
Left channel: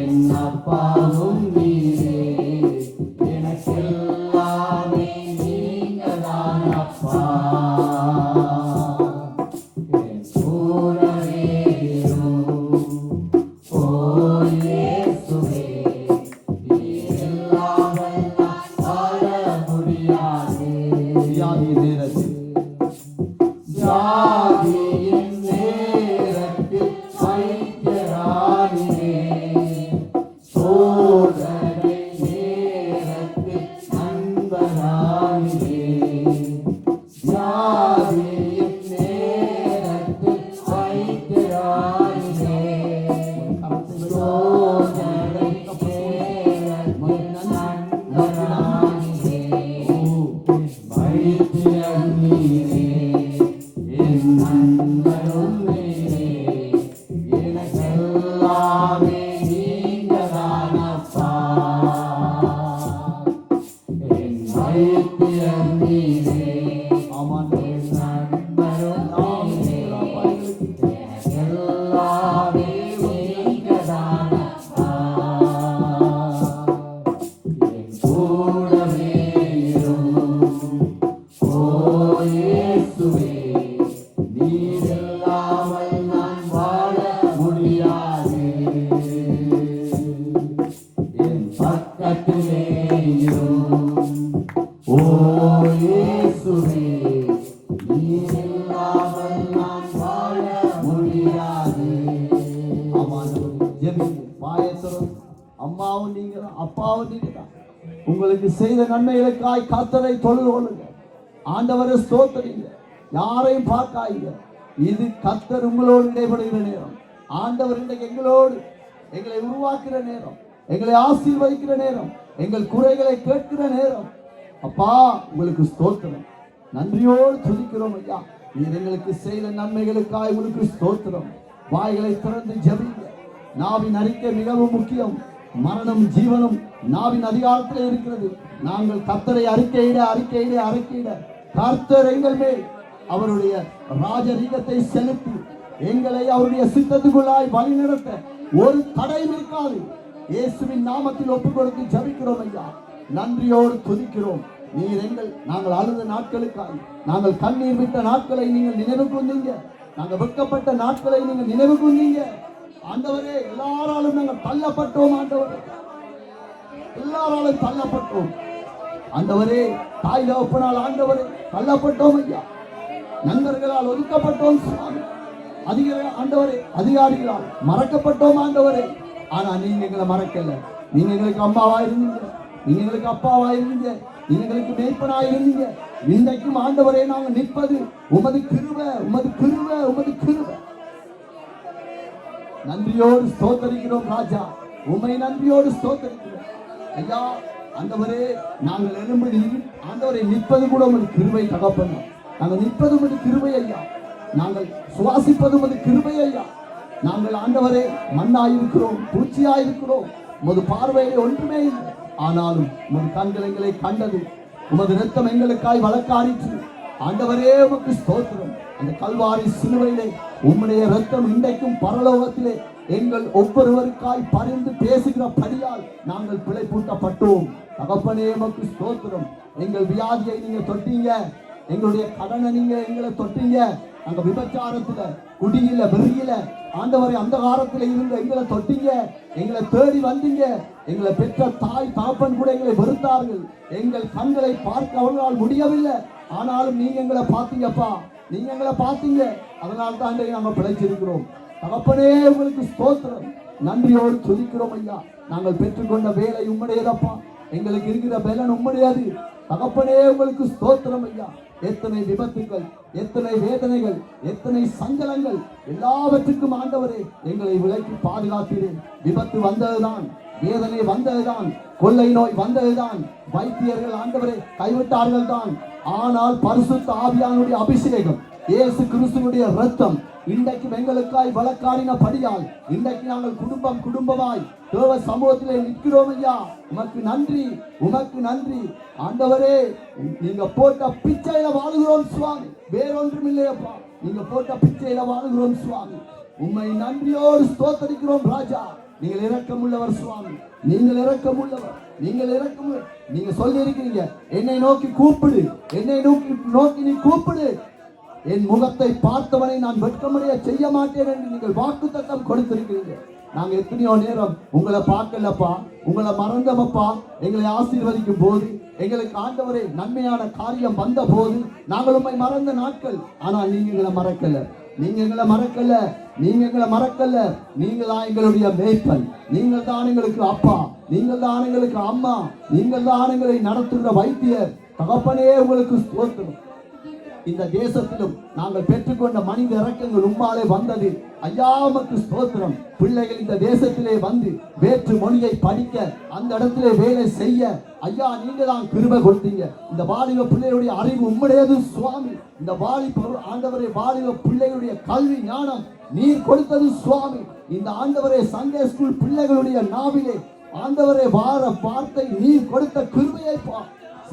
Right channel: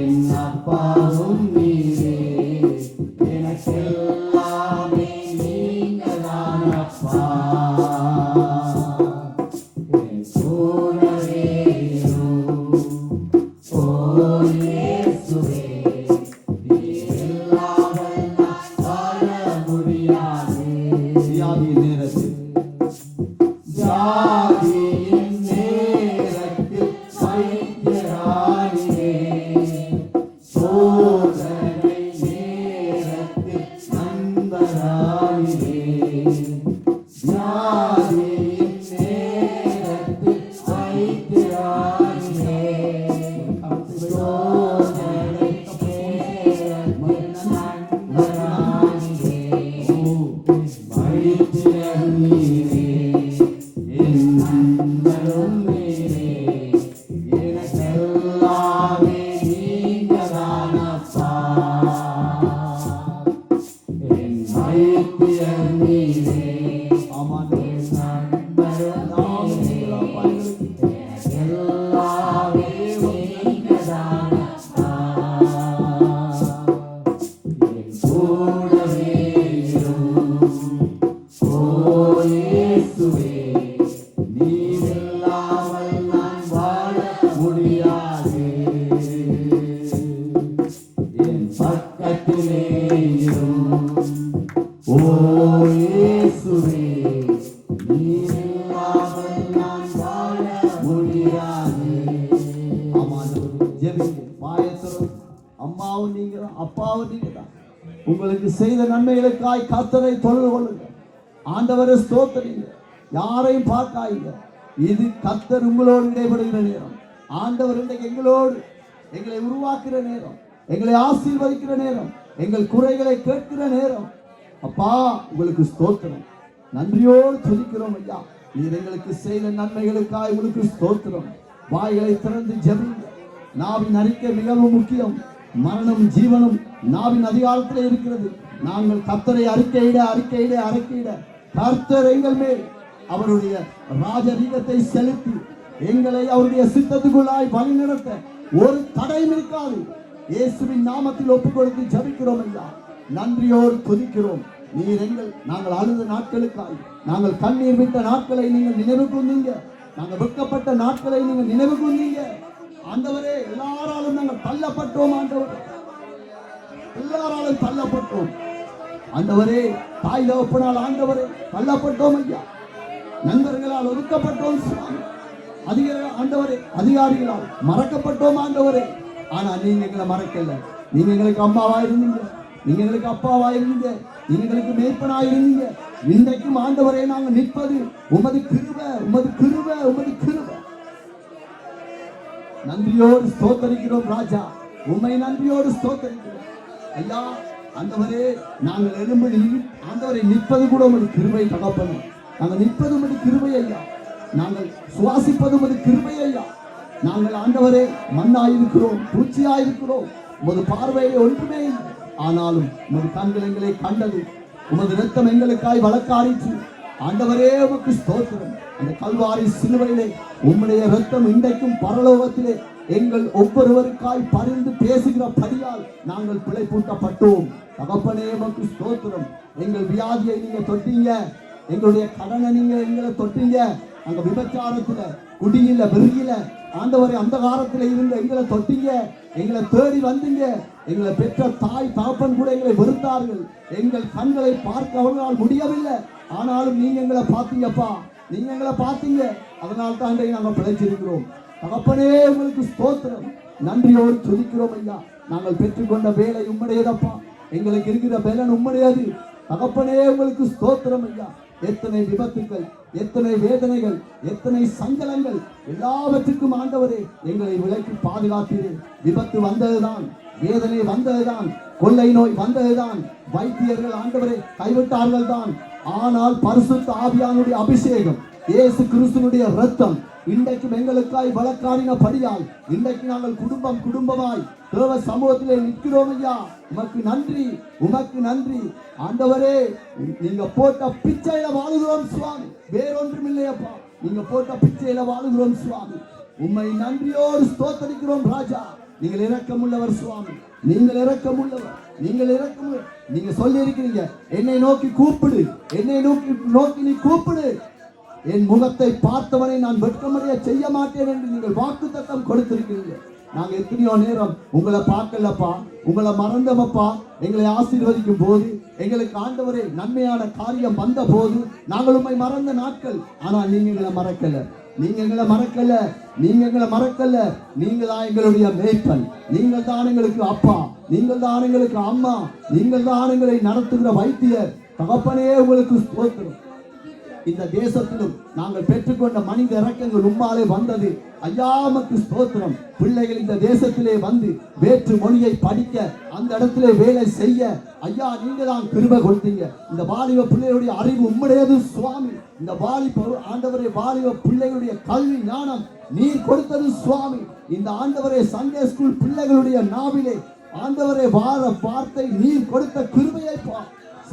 என் அப்பாவும் நீரே எனக்கெல்லாமே நீங்கதான் அப்பா. அம்மாவும் நீங்க அப்பாவும் நீங்க தான். உங்களுக்கு செய்த நன்மைகளுக்காய் கர்த்தரை தொழுது கொள்ளுங்க. ஆண்டவரை ஸ்தோத்திரிங்க. யாரையும் பார்க்காதீங்க. இது கர்த்தர் உங்களோடு இடைபடுகிற நேரம். ஆண்டவர் இன்றைக்கு எங்களோடு எங்களை உருவாக்குற நேரம், எங்களை ஆசீர்வதிக்கிற நேரம், எங்கள் குறைகளை கேட்கிற நேரம். அப்பா உங்களுக்கு ஸ்தோத்திரம், நன்றியோடு துதிக்கிறோம் ஐயா. இது எங்களுக்கு செய்த நன்மைகளுக்காய் உங்களுக்கு ஸ்தோத்திரம். வாய்களை திறந்து ஜெபிங்க. நாவின் அறிக்கை மிகவும் முக்கியம். மரணம் ஜீவனும் நாவின் அதிகாரத்திலே இருக்கிறது. நாங்கள் கர்த்தரை அறிக்கையிட கர்த்தர் எங்கள் மேல் அவருடைய ராஜரீகத்தை செலுத்தி எங்களை அவருடைய சித்தத்துக்குள்ளாய் வழிநடத்த ஒரு தடையும் இருக்காது. இயேசுவின் நாமத்தில் ஒப்புக் கொடுத்து ஜெபிக்கிறோம் ஐயா. நன்றியோடு துதிக்கிறோம். நாங்கள் அழுத நாட்களுக்காய், நாங்கள் கண்ணீர் விட்ட நாட்களை நீங்கள் நினைவு கொண்டீங்க. நாங்கள் வெட்கப்பட்ட நாட்களை நீங்கள் நினைவு கொண்டீங்க. ஆண்டவரே, எல்லாராலும் நாங்கள் தள்ளப்பட்டோம். ஆண்டவரே, எல்லாராலும் தள்ளப்பட்டோம். ஆண்டவரே, தாய் தகப்பனால் ஆண்டவரே தள்ளப்பட்டோம் ஐயா. நண்பர்களால் ஒதுக்கப்பட்டோம் சுவாமி. ஆண்டவரே, அதிகாரிகளால் மறக்கப்பட்டோம் ஆண்டவரே. ஆனா நீங்க எங்களை மறக்கல. நீங்க எங்களுக்கு அம்மாவா இருந்தீங்க, நீங்க எங்களுக்கு அப்பாவா இருந்தீங்க, நீங்க எங்களுக்கு மேய்ப்பனாக இருந்தீங்க. இன்றைக்கும் ஆண்டவரே நாங்கள் நிற்பது உமது கிருபை, உமது கிருபை, உமது கிருபை. நன்றியோடு ஸ்தோத்தரிக்கிறோம் ராஜா, உம்மை நன்றியோடு ஸ்தோத்தரிக்கிறோம் ஐயா. ஆண்டவரே, நாங்கள் எழும்பி ஆண்டவரை நிற்பது கூட உமது கிருபை தகப்பனா. நாங்கள் நிற்பது உமது கிருபை ஐயா. நாங்கள் சுவாசிப்பது உமது கிருபை ஐயா. நாங்கள் ஆண்டவரே மண்ணாயிருக்கிறோம், பூச்சியாயிருக்கிறோம். உமது பார்வையிலே ஒன்றுமே இல்லை. ஆனாலும் உமது கண்கள் எங்களை கண்டது. உமது இரத்தம் எங்களுக்காய் வழக்காரிற்று. ஆண்டவரே, உமக்கு ஸ்தோத்திரம். அந்த கல்வாரி சிலுவையிலே உம்முடைய இரத்தம் இன்றைக்கும் பரலோகத்திலே எங்கள் ஒவ்வொருவருக்காய் பரிந்து பேசுகிற படியால் நாங்கள் பிழைப்பூட்டப்பட்டோம். தகப்பனே, உமக்கு ஸ்தோத்திரம். எங்கள் வியாதியை நீங்க தொட்டீங்க, எங்களுடைய கடனை நீங்க எங்களை தொட்டீங்க. அங்க விபச்சாரத்துல, குடியில, வெறியில ஆண்டவரை அந்த காலத்துல இருந்து எங்களை தொட்டீங்க. எங்களை தேடி வந்தீங்க. எங்களை பெற்ற தாய் தகப்பன் கூட எங்களை வெறுத்தார்கள். எங்கள் கண்களை பார்க்க அவர்களால் முடியவில்லை. ஆனாலும் நீங்க எங்களை பார்த்தீங்கப்பா, நீங்க எங்களை பார்த்தீங்க. அதனால தான் நாங்கள் பிழைச்சிருக்கிறோம். தகப்பனே உங்களுக்கு ஸ்தோத்திரம். நன்றியோடு துதிக்கிறோம் ஐயா. நாங்கள் பெற்றுக்கொண்ட வேலை உம்முடையதப்பா. எங்களுக்கு இருக்கிற பலன் உம்முடையது. தகப்பனே உங்களுக்கு ஸ்தோத்திரம் ஐயா. எத்தனை விபத்துக்கள், எத்தனை வேதனைகள், எத்தனை சங்கடங்கள், எல்லாவற்றுக்கும் ஆண்டவரே எங்களை விலக்கி பாதுகாத்தீரே. விபத்து வந்ததுதான், வேதனை வந்ததுதான், கொள்ளை நோய் வந்ததுதான், வைத்தியர்கள் ஆண்டவரே கைவிட்டார்கள் தான். ஆனால் பரிசுத்த ஆவியானுடைய அபிஷேகம், இயேசு கிறிஸ்துவினுடைய இரத்தம் இன்றைக்கும் எங்களுக்காய் வழக்காடினபடியால் இன்றைக்கு நாங்கள் குடும்பமாய் தேவ சமூகத்திலே நிற்கிறோம் ஐயா. உமக்கு நன்றி, உமக்கு நன்றி ஆண்டவரே. நீங்க போட்ட பிச்சையில வாழுகிறோம் சுவாமி, வேறொன்றும் இல்லையப்பா. நீங்க போட்ட பிச்சையில வாழுகிறோம் சுவாமி. உம்மை நன்றியோடு ஸ்தோத்தரிக்கிறோம் ராஜா. நீங்கள் இரக்கமுள்ளவர் சுவாமி, நீங்கள் இரக்கமுள்ளவர், நீங்கள் இரக்கமுள்ள. நீங்க சொல்லி இருக்கிறீங்க, என்னை நோக்கி கூப்பிடு, என்னை நோக்கி நீ கூப்பிடு, என் முகத்தை பார்த்தவனை நான் வெட்கமடைய செய்ய மாட்டேன் என்று நீங்கள் வாக்குத்தத்தம் கொடுத்திருக்கிறீங்க. நாங்க எத்தனையோ நேரம் உங்களை பார்க்கலப்பா, உங்களை மறந்தவப்பா. எங்களை ஆசீர்வதிக்கும் போது, எங்களுக்கு ஆண்டவரே நன்மையான காரியம் வந்த போது நாங்கள் உண்மை மறந்த நாட்கள். ஆனா நீங்க எங்களை மறக்கல, நீங்க எங்களை மறக்கல, நீங்க எங்களை மறக்கல. நீங்கள் தான் எங்களுடைய மேய்ப்பன், நீங்கள் தான் எங்களுக்கு அப்பா, நீங்கள் தான் எங்களுக்கு அம்மா, நீங்கள் தான் எங்களை நடத்துகிற வைத்தியர். தகப்பனே உங்களுக்கு ஸ்தோத்திரம். இந்த தேசத்திலும் நாங்கள் பெற்றுக்கொண்ட மனித இரக்கங்கள் உம்மாலே வந்தது ஐயா. உமக்கு ஸ்தோத்திரம். பிள்ளைகள் இந்த தேசத்திலே வந்து வேற்று மொழியை படிக்க, அந்த இடத்திலே வேலை செய்ய ஐயா நீங்க தான் கிருபை கொடுத்தீங்க. இந்த வாலிப பிள்ளைகளுடைய அறிவு உம்முடையது சுவாமி. இந்த ஆண்டவரே வாலிப பிள்ளைகளுடைய கல்வி ஞானம் நீர் கொடுத்தது சுவாமி. இந்த ஆண்டவரே சண்டே ஸ்கூல் பிள்ளைகளுடைய நாவிலே ஆண்டவரே வார்த்தை நீர் கொடுத்த கிருபையை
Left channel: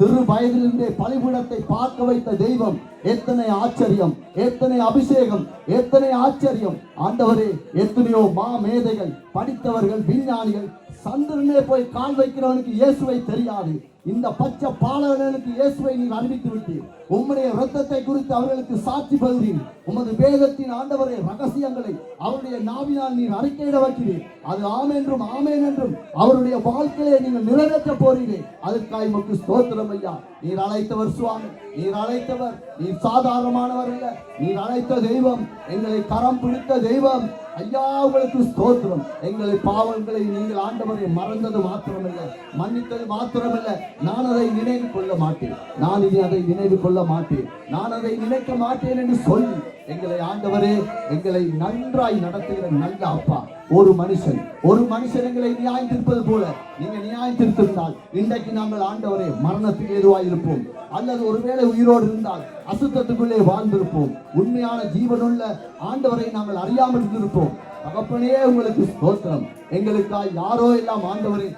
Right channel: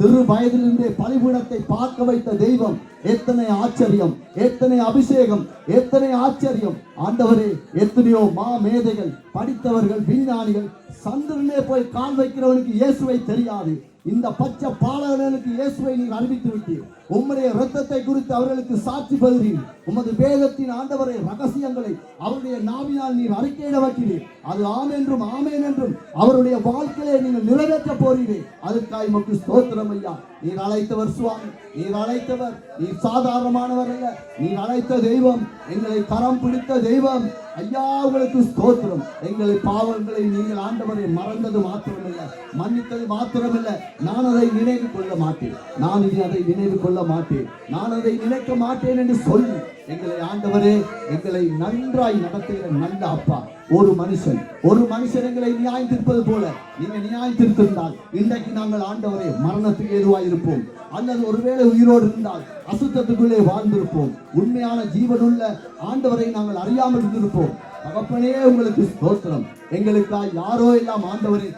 சிறு வயதிலிருந்தே பலிபீடத்தை பார்க்க வைத்த தெய்வம். எத்தனை ஆச்சரியம், எத்தனை அபிஷேகம், எத்தனை ஆச்சரியம் ஆண்டவரே. எத்தனையோ மேதைகள், படித்தவர்கள், விஞ்ஞானிகள், சந்திரனே போய் கால் வைக்கிறவனுக்கு இயேசுவை தெரியாது. இந்த பச்சை பாலகர்களுக்கு இயேசுவை நீ அறிவித்து விட்டீர். உம்முடைய இரத்தத்தை குறித்து அவர்களுக்கு சாட்சி பகிர்ந்தீர். உமது வேதத்தின் ஆண்டவரை ரகசியங்களை அவருடைய நாவினால் நீர் அறிக்கையிட வைக்கிறீர். அது ஆமென்றும் ஆமென் என்றும் அவருடைய வாழ்க்கையை நீங்கள் நிறைவேற்ற போறீரே. அதற்காக உமக்கு ஸ்தோத்திரம் ஐயா. நீர் அழைத்தவர் சுவாமி, நீர் அழைத்தவர். நீர் சாதாரணமானவர் அல்ல, நீர் அழைத்த தெய்வம், எங்களை கரம் பிடித்த தெய்வம் ஐயா. உங்களுக்கு ஸ்தோத்திரம். எங்களை பாவங்களை நீங்கள் ஆண்டவரை மறந்தது மாத்திரமல்ல, மன்னித்தது மாத்திரமல்ல, நான் அதை நினைவு கொள்ள மாட்டேன், நான் இனி அதை நினைவு கொள்ள மாட்டேன், நான் அதை நினைக்க மாட்டேன் என்று சொல்லி எங்களை ஆண்டவரே எங்களை நன்றாய் நடத்துகிற நல்ல அப்பா. ஒரு மனுஷன் எங்களை நியாயத்திருப்பது போல நீங்க நியாயத்திருந்தால் இன்றைக்கு நாங்கள் ஆண்டவரே மரணத்துக்கு ஏதுவாய் இருப்போம், அல்லது ஒருவேளை உயிரோடு இருந்தால் அசுத்தத்துக்குள்ளே வாழ்ந்திருப்போம். உண்மையான ஜீவனுள்ள ஆண்டவரை நாங்கள் அறியாமல் இருந்திருப்போம். தகப்பனே உங்களுக்கு ஸ்தோத்திரம். எங்களுக்காக யாரோ எல்லாம் ஆண்டவரை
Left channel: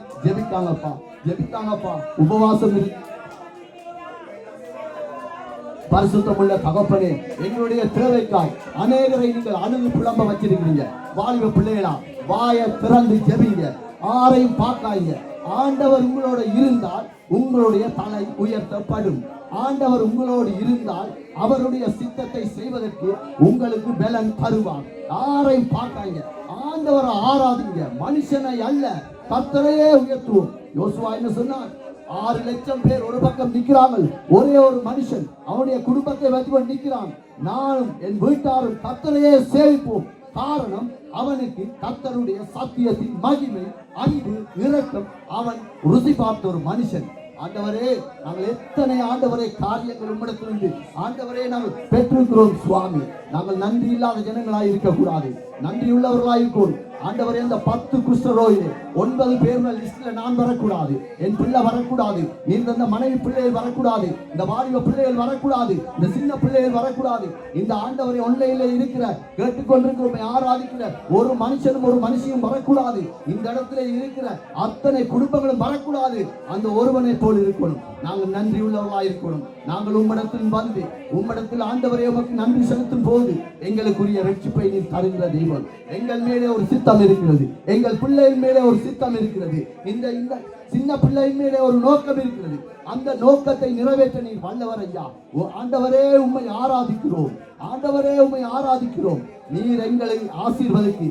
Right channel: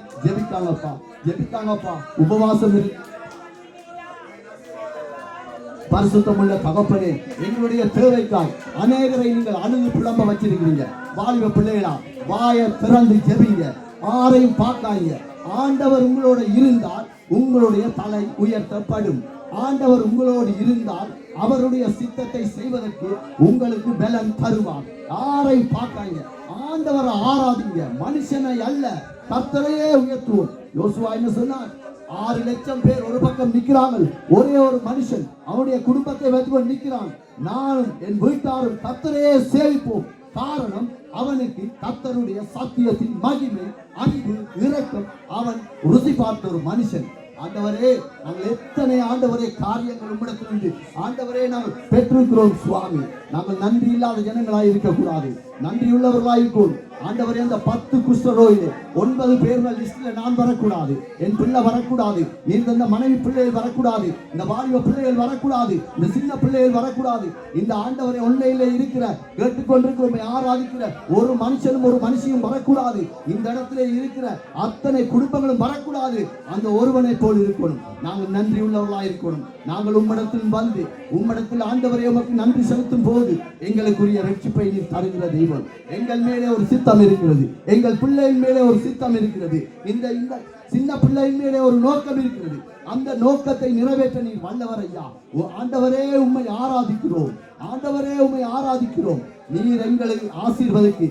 ஜெபித்தாங்கப்பா, உபவாசம் இருக்கு. பரிசுத்தமுள்ள தகப்பனே, எங்களுடைய தேவைக்காய் அநேகரை நீங்கள் அணுகு புலம்ப வச்சிருக்கிறீங்க. வாலிப பிள்ளைகளா, வாயை திறந்து ஜெபிங்க, ஆரையும் பார்க்காங்க. ஆண்டவர் உங்களோட இருந்தால் உங்களுடைய தலை உயர்த்தப்படும். ஆண்டவர் உங்களோடு இருந்தால் அவருடைய சித்தத்தை செய்வதற்கு உங்களுக்கு பலன் தருவார். யாரையும் பார்க்காங்க, ஆண்டவரை ஆராதிங்க, மனுஷனை அல்ல கர்த்தரையே உயர்த்துவோம். யோசுவா என்ன சொன்னார்? 6 லட்சம் பேர் ஒரு பக்கம் நிற்கிறார்கள், ஒரே ஒரு மனுஷன் அவனுடைய குடும்பத்தை வைத்து நிற்கிறான். நானும் என் வீட்டாரும் கர்த்தரையே சேவிப்போம். காரணம், அவனுக்கு கர்த்தருடைய சத்தியத்தின் மகிமை, அன்பு, இரக்கம் அவன் ருசி பார்த்த ஒரு மனுஷன். ஆண்டவரே, நாங்கள் எத்தனை ஆண்டவரே காரியங்கள் உம்மிடத்திலிருந்து ஆண்டவரே நாங்கள் பெற்றிருக்கிறோம் சுவாமி. நாங்கள் நன்றி இல்லாத ஜனங்களாய் இருக்கக்கூடாது, நன்றி உள்ளவர்களாய் இருக்கோம். ஆண்டவரே, இந்த 10 குஷ்டரோகிலே 9 பேர் லிஸ்ட்ல நான் வரக்கூடாது, என் பிள்ளை வரக்கூடாது, நீங்க இந்த மனைவி பிள்ளைகள் வரக்கூடாது, இந்த வாலிப பிள்ளைகள் வரக்கூடாது, இந்த சின்ன பிள்ளைகள் வரக்கூடாது. இந்த ஆண்டவரை ஒன்றையிலே இருக்கிற கேட்டுக்கொண்டிருக்கிற ஆராதிக்கிற ஒரு மனுஷனும் ஒரு மனுஷியும் வரக்கூடாது. இந்த இடத்துல இருக்கிற அத்தனை குடும்பங்களும் வரக்கூடாது. அந்த ஒருவனை போல் இருக்கணும். நாங்கள் நன்றி உள்ளவர்களாக இருக்கணும். நாங்கள் உம்மிடத்தில் வந்து உம்மிடத்தில் ஆண்டவரை உமக்கு நன்றி செலுத்தும் போது எங்களுக்குரிய ரட்சிப்பை நீர் தருகிற தெய்வம். எங்கள் மேலே ஒரு சித்தம் இருக்கிறது, எங்கள் பிள்ளையின் மேலே ஒரு சித்தம் இருக்கிறது, இந்த சின்ன பிள்ளையின் மேலே ஒரு நோக்கம் இருக்கிறது. அந்த நோக்கத்தை நிறைவேற்ற நீர் வல்லவர் ஐயா. ஆண்டவரே, உம்மை ஆராதிக்கிறோம், ஆண்டவரே, உம்மை ஆராதிக்கிறோம். நீர் எங்களை ஆசீர்வதிக்கு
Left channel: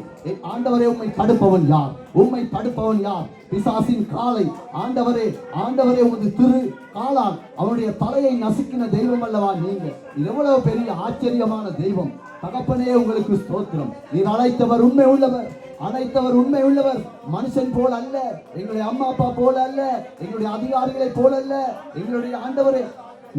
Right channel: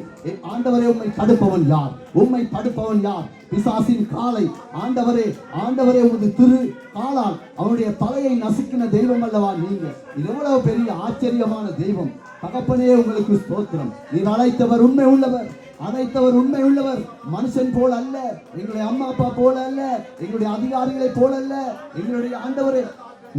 ஆண்டவரே உம்மை தடுப்பவன் யார்? உம்மை தடுப்பவன் யார்? பிசாசின் காலை ஆண்டவரே, ஆண்டவரே உமது திரு காலால் அவனுடைய தலையை நசுக்கின தெய்வம் அல்லவா நீங்க? இது எவ்வளவு பெரிய ஆச்சரியமான தெய்வம். தகப்பனே உங்களுக்கு ஸ்தோத்திரம். நீர் அழைத்தவர் உண்மை உள்ளவர், அழைத்தவர் உண்மை உள்ளவர். மனுஷன் போல அல்ல, எங்களுடைய அம்மா அப்பா போல அல்ல, எங்களுடைய அதிகாரிகளை போல அல்ல, எங்களுடைய ஆண்டவரே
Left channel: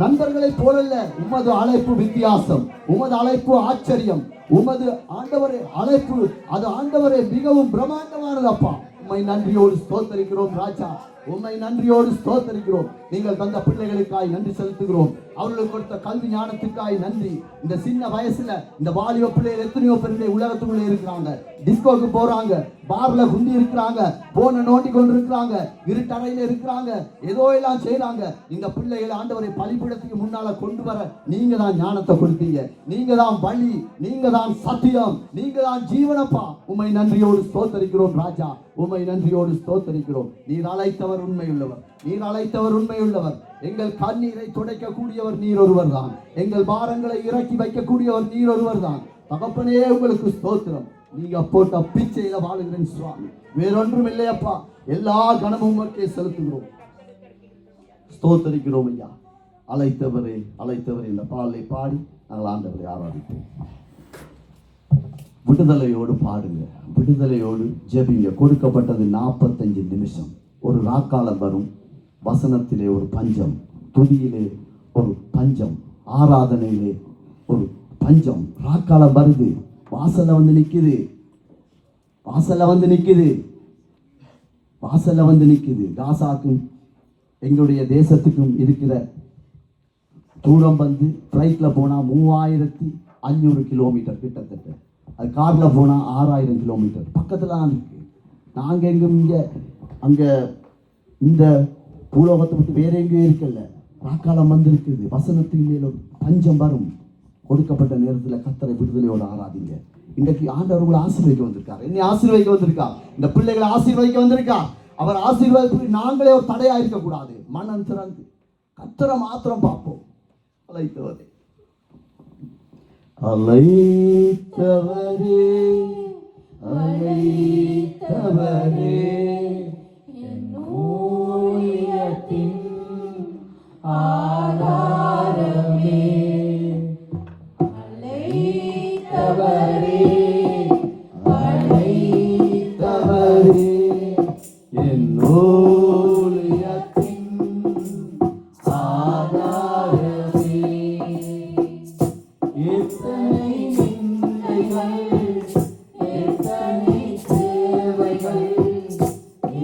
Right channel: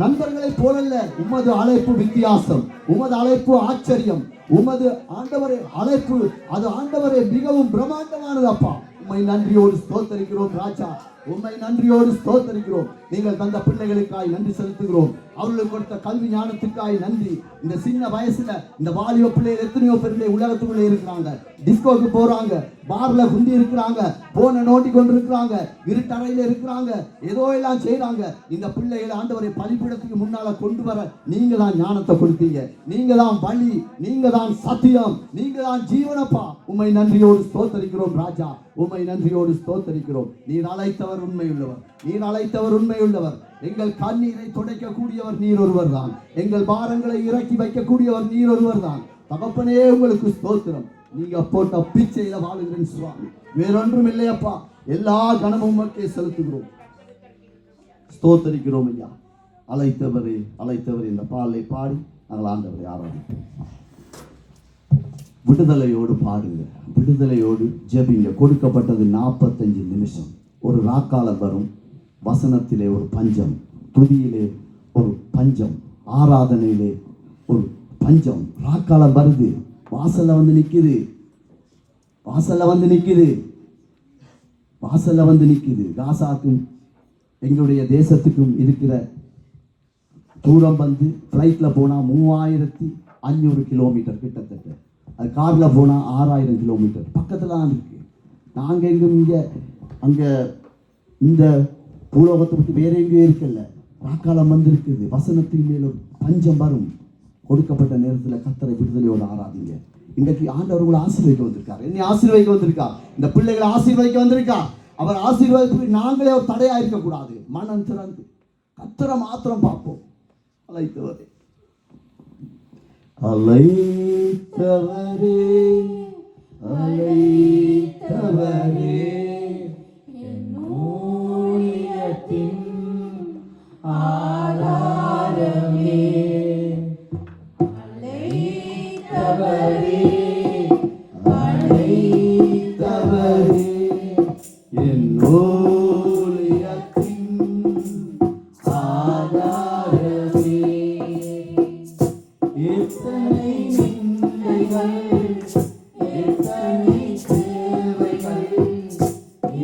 நண்பர்களை போலல்ல. உமது அழைப்பு வித்தியாசம், உமது அழைப்பு ஆச்சரியம், உமது ஆண்டவரே அழைப்பு அது ஆண்டவரே மிகவும் பிரம்மாண்டமானது. அப்பா உம்மை நன்றியோடு ஸ்தோத்தரிக்கிறோம் ராஜா, உம்மை நன்றியோடு ஸ்தோத்தரிக்கிறோம். நீங்கள் தந்த பிள்ளைகளுக்காய் நன்றி செலுத்துகிறோம். அவர்களுக்கு கொடுத்த கல்வி ஞானத்துக்காய் நன்றி. இந்த சின்ன வயசுல இந்த வாலிப பிள்ளைகள் எத்தனையோ பிள்ளை உலகத்துக்குள்ளே இருக்கிறாங்க, டிஸ்கோக்கு போறாங்க, பார்ல குந்தி இருக்கிறாங்க, போன நோட்டி கொண்டு இருக்கிறாங்க, இருட்டறையில இருக்கிறாங்க, ஏதோ எல்லாம் செய்யறாங்க. இந்த பிள்ளைகளை ஆண்டவரை பலிபீடத்துக்கு முன்னால கொண்டு வர நீங்க தான் ஞானத்தை கொடுத்தீங்க, நீங்க தான் வழி, நீங்க தான் சத்தியம், நீங்க தான் ஜீவனப்பா. உம்மை நன்றியோடு ஸ்தோத்தரிக்கிறோம் ராஜா, உம்மை நன்றியோடு ஸ்தோத்தரிக்கிறோம். நீர் அழைத்தவர் உண்மையுள்ளவர், நீர் அழைத்தவர் உண்மையுள்ளவர். எங்கள் கண்ணீரை துடைக்கக்கூடியவர் நீர் ஒருவர் தான், எங்கள் பாரங்களை இறக்கி வைக்கக்கூடியவர் நீர் ஒருவர் தான். தகப்பனே உங்களுக்கு ஸ்தோத்திரம். நீங்க போட்ட பிச்சையில வாழுகிறேன் சுவாமி, வேறொன்றும் இல்லையப்பா. எல்லா கனமும் உமக்கே செலுத்துகிறோம், ஸ்தோத்தரிக்கிறோம் ஐயா. அழைத்தவரே அழைத்தவரே இந்த பாடலை பாடி நாங்கள் ஆண்டவரை ஆராதிப்போம். விடுதலையோடு பாடுங்க, விடுதலையோடு ஜெபிங்க. கொடுக்கப்பட்டது 45 நிமிஷம். ஒரு ராக்காலம் வரும், வசனத்திலே ஒரு பஞ்சம், துதியிலே ஒரு பஞ்சம், ஆராதனையிலே ஒரு பஞ்சம். ராக்காலம் வருது, வாசல்ல வந்து நிக்குது, வாசல்ல வந்து நிக்குது, வாசல்ல வந்து நிக்குது. காசாக்கும் எங்களுடைய தேசத்துக்கும் இருக்கிற தூரம் வந்து ஃப்ளைட்ல போனா 3500 கிலோமீட்டர் கிட்டத்தட்ட, அது கார்ல போனா 6000 கிலோமீட்டர் பக்கத்துல தான் இருக்கு. நாங்க எங்கும் இங்க அங்க இந்த பூலோகத்தை பற்றி வேற எங்கேயும் இருக்கல. ராக்காலம் வந்து இருக்குது, வசனத்தின் மேலும் பஞ்சம் வரும். கொடுக்கப்பட்ட நேரத்தில் கர்த்தரை விடுதலையோடு ஆராதிங்க. இன்றைக்கு ஆண்டவர் கூட ஆசீர்வதிக்க வந்திருக்கார், என்னை ஆசீர்வதிக்க வந்திருக்கார், இந்த பிள்ளைகளை ஆசீர்வதிக்க வந்திருக்கார். அவர் ஆசீர்வாதத்துக்கு நாங்களே ஒரு தடையா இருக்கக்கூடாது. மனம் திறந்து கர்த்தரை மாத்திரம் பார்ப்போம். அழைத்தவரே அழைத்தவரே அழைத்தவரே ஆதாரமே அழைத்தவரே அழைத்தவரே என் ஊழியத்தின் ஆதாரமே. எத்தனை நிந்தைகள், எத்தனை தேவைகள்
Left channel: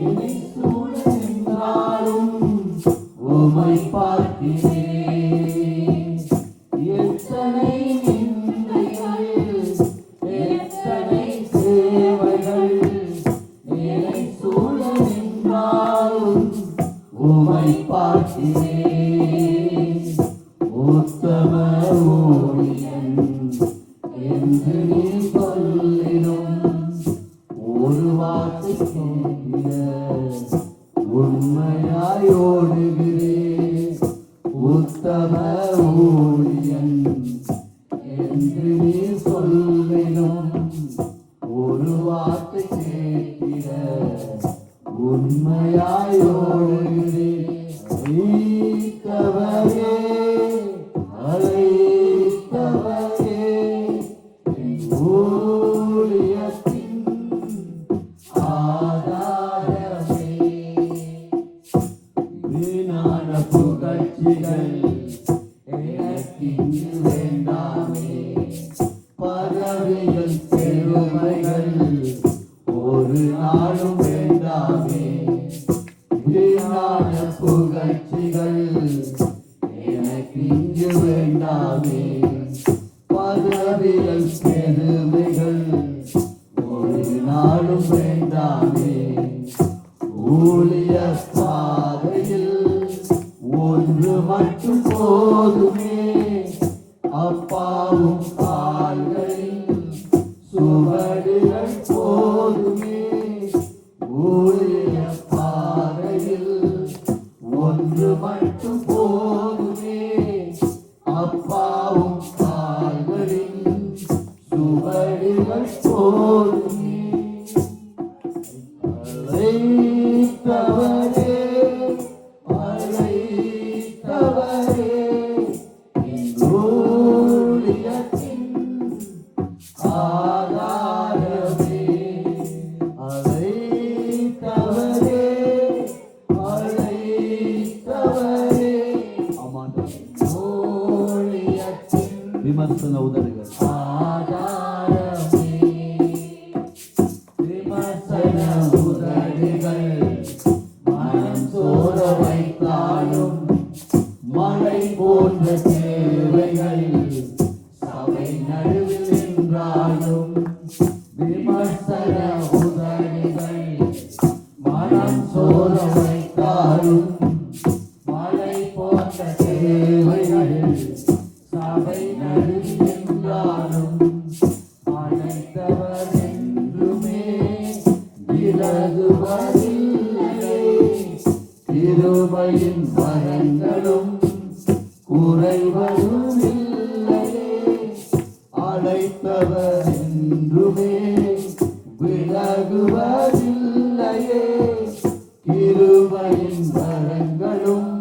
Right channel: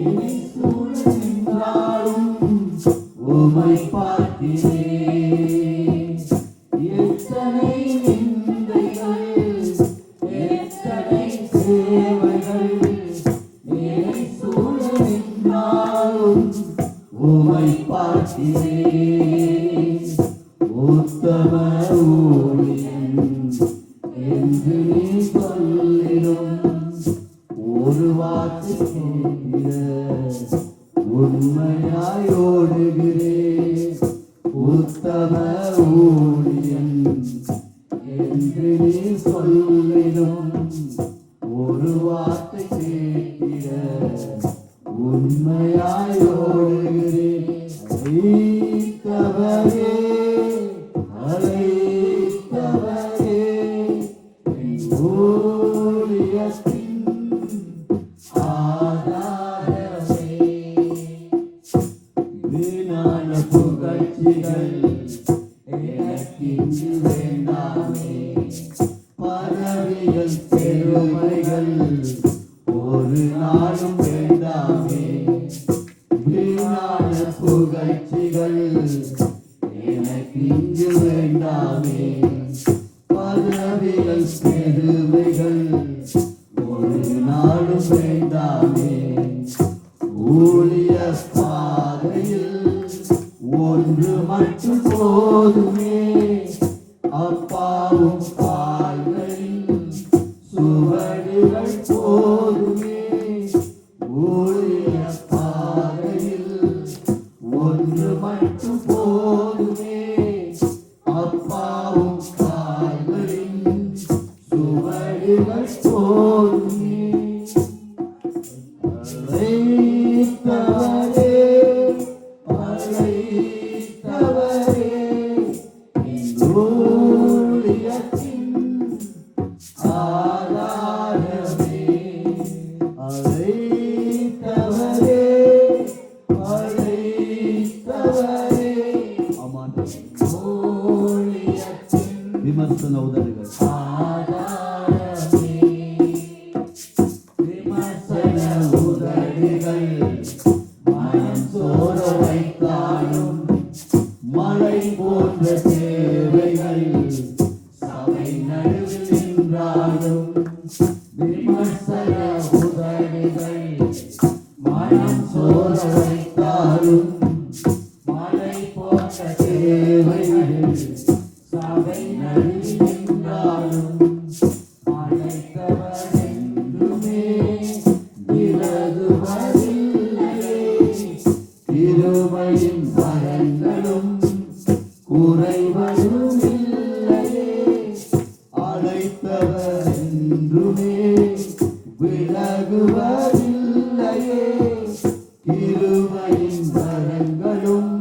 இனி சூழ்ந்தாலும் உம்மை பார்க்கிறேன். எத்தனை நிந்தைகள், எத்தனை சேவைகள் என்னை சூழ்ந்தாலும் உம்மை பார்க்கிறேன். உத்தம ஊழியன் என்று நீ சொல்லிடும் ஒரு வார்த்தை கேட்கிற உண்மையாய் ஓடுகிறேன். உத்தம ஊழியன் என்று நீ சொல்லிடும் ஒரு வார்த்தை கேட்கிற உண்மையாய் ஓடுகிறேன். அழைத்தவரே அழைத்தவரே என் ஊழியத்தின் ஆதாரமே. வீணான புகழ்ச்சிகள் எனக்கிங்கு வேண்டாமே, பதவிகள் பெருமைகள் ஒரு நாளும் வேண்டாமே. வீணான புகழ்ச்சிகள் எனக்கிங்கு வேண்டாமே, பதவிகள் பெருமைகள் ஒரு நாளும் வேண்டாமே. ஊழிய பாதையில் ஒன்று மட்டும் போதுமே, அப்பாவும் கால்களில் சுவடுகள் போதுமே. ஊழிய பாதையில் உதடுகள் மனம் சோர வைத்தாலும் மழை போன்ற தேவைகள் சபை நடுவில் நின்றாலும் விமர்சன உதடுகள் மனம் சோர வைத்தாலும் மழை போன்ற தேவைகள் சபை நடுவில் நின்றாலும் அழைத்தவர் என்றுமே விலகுவதில்லை. கிருபையின் வரங்களும் குறைவதுமில்லை. அழைத்தவர் என்றுமே விலகுவதில்லையே. கிருபையின் வரங்களும்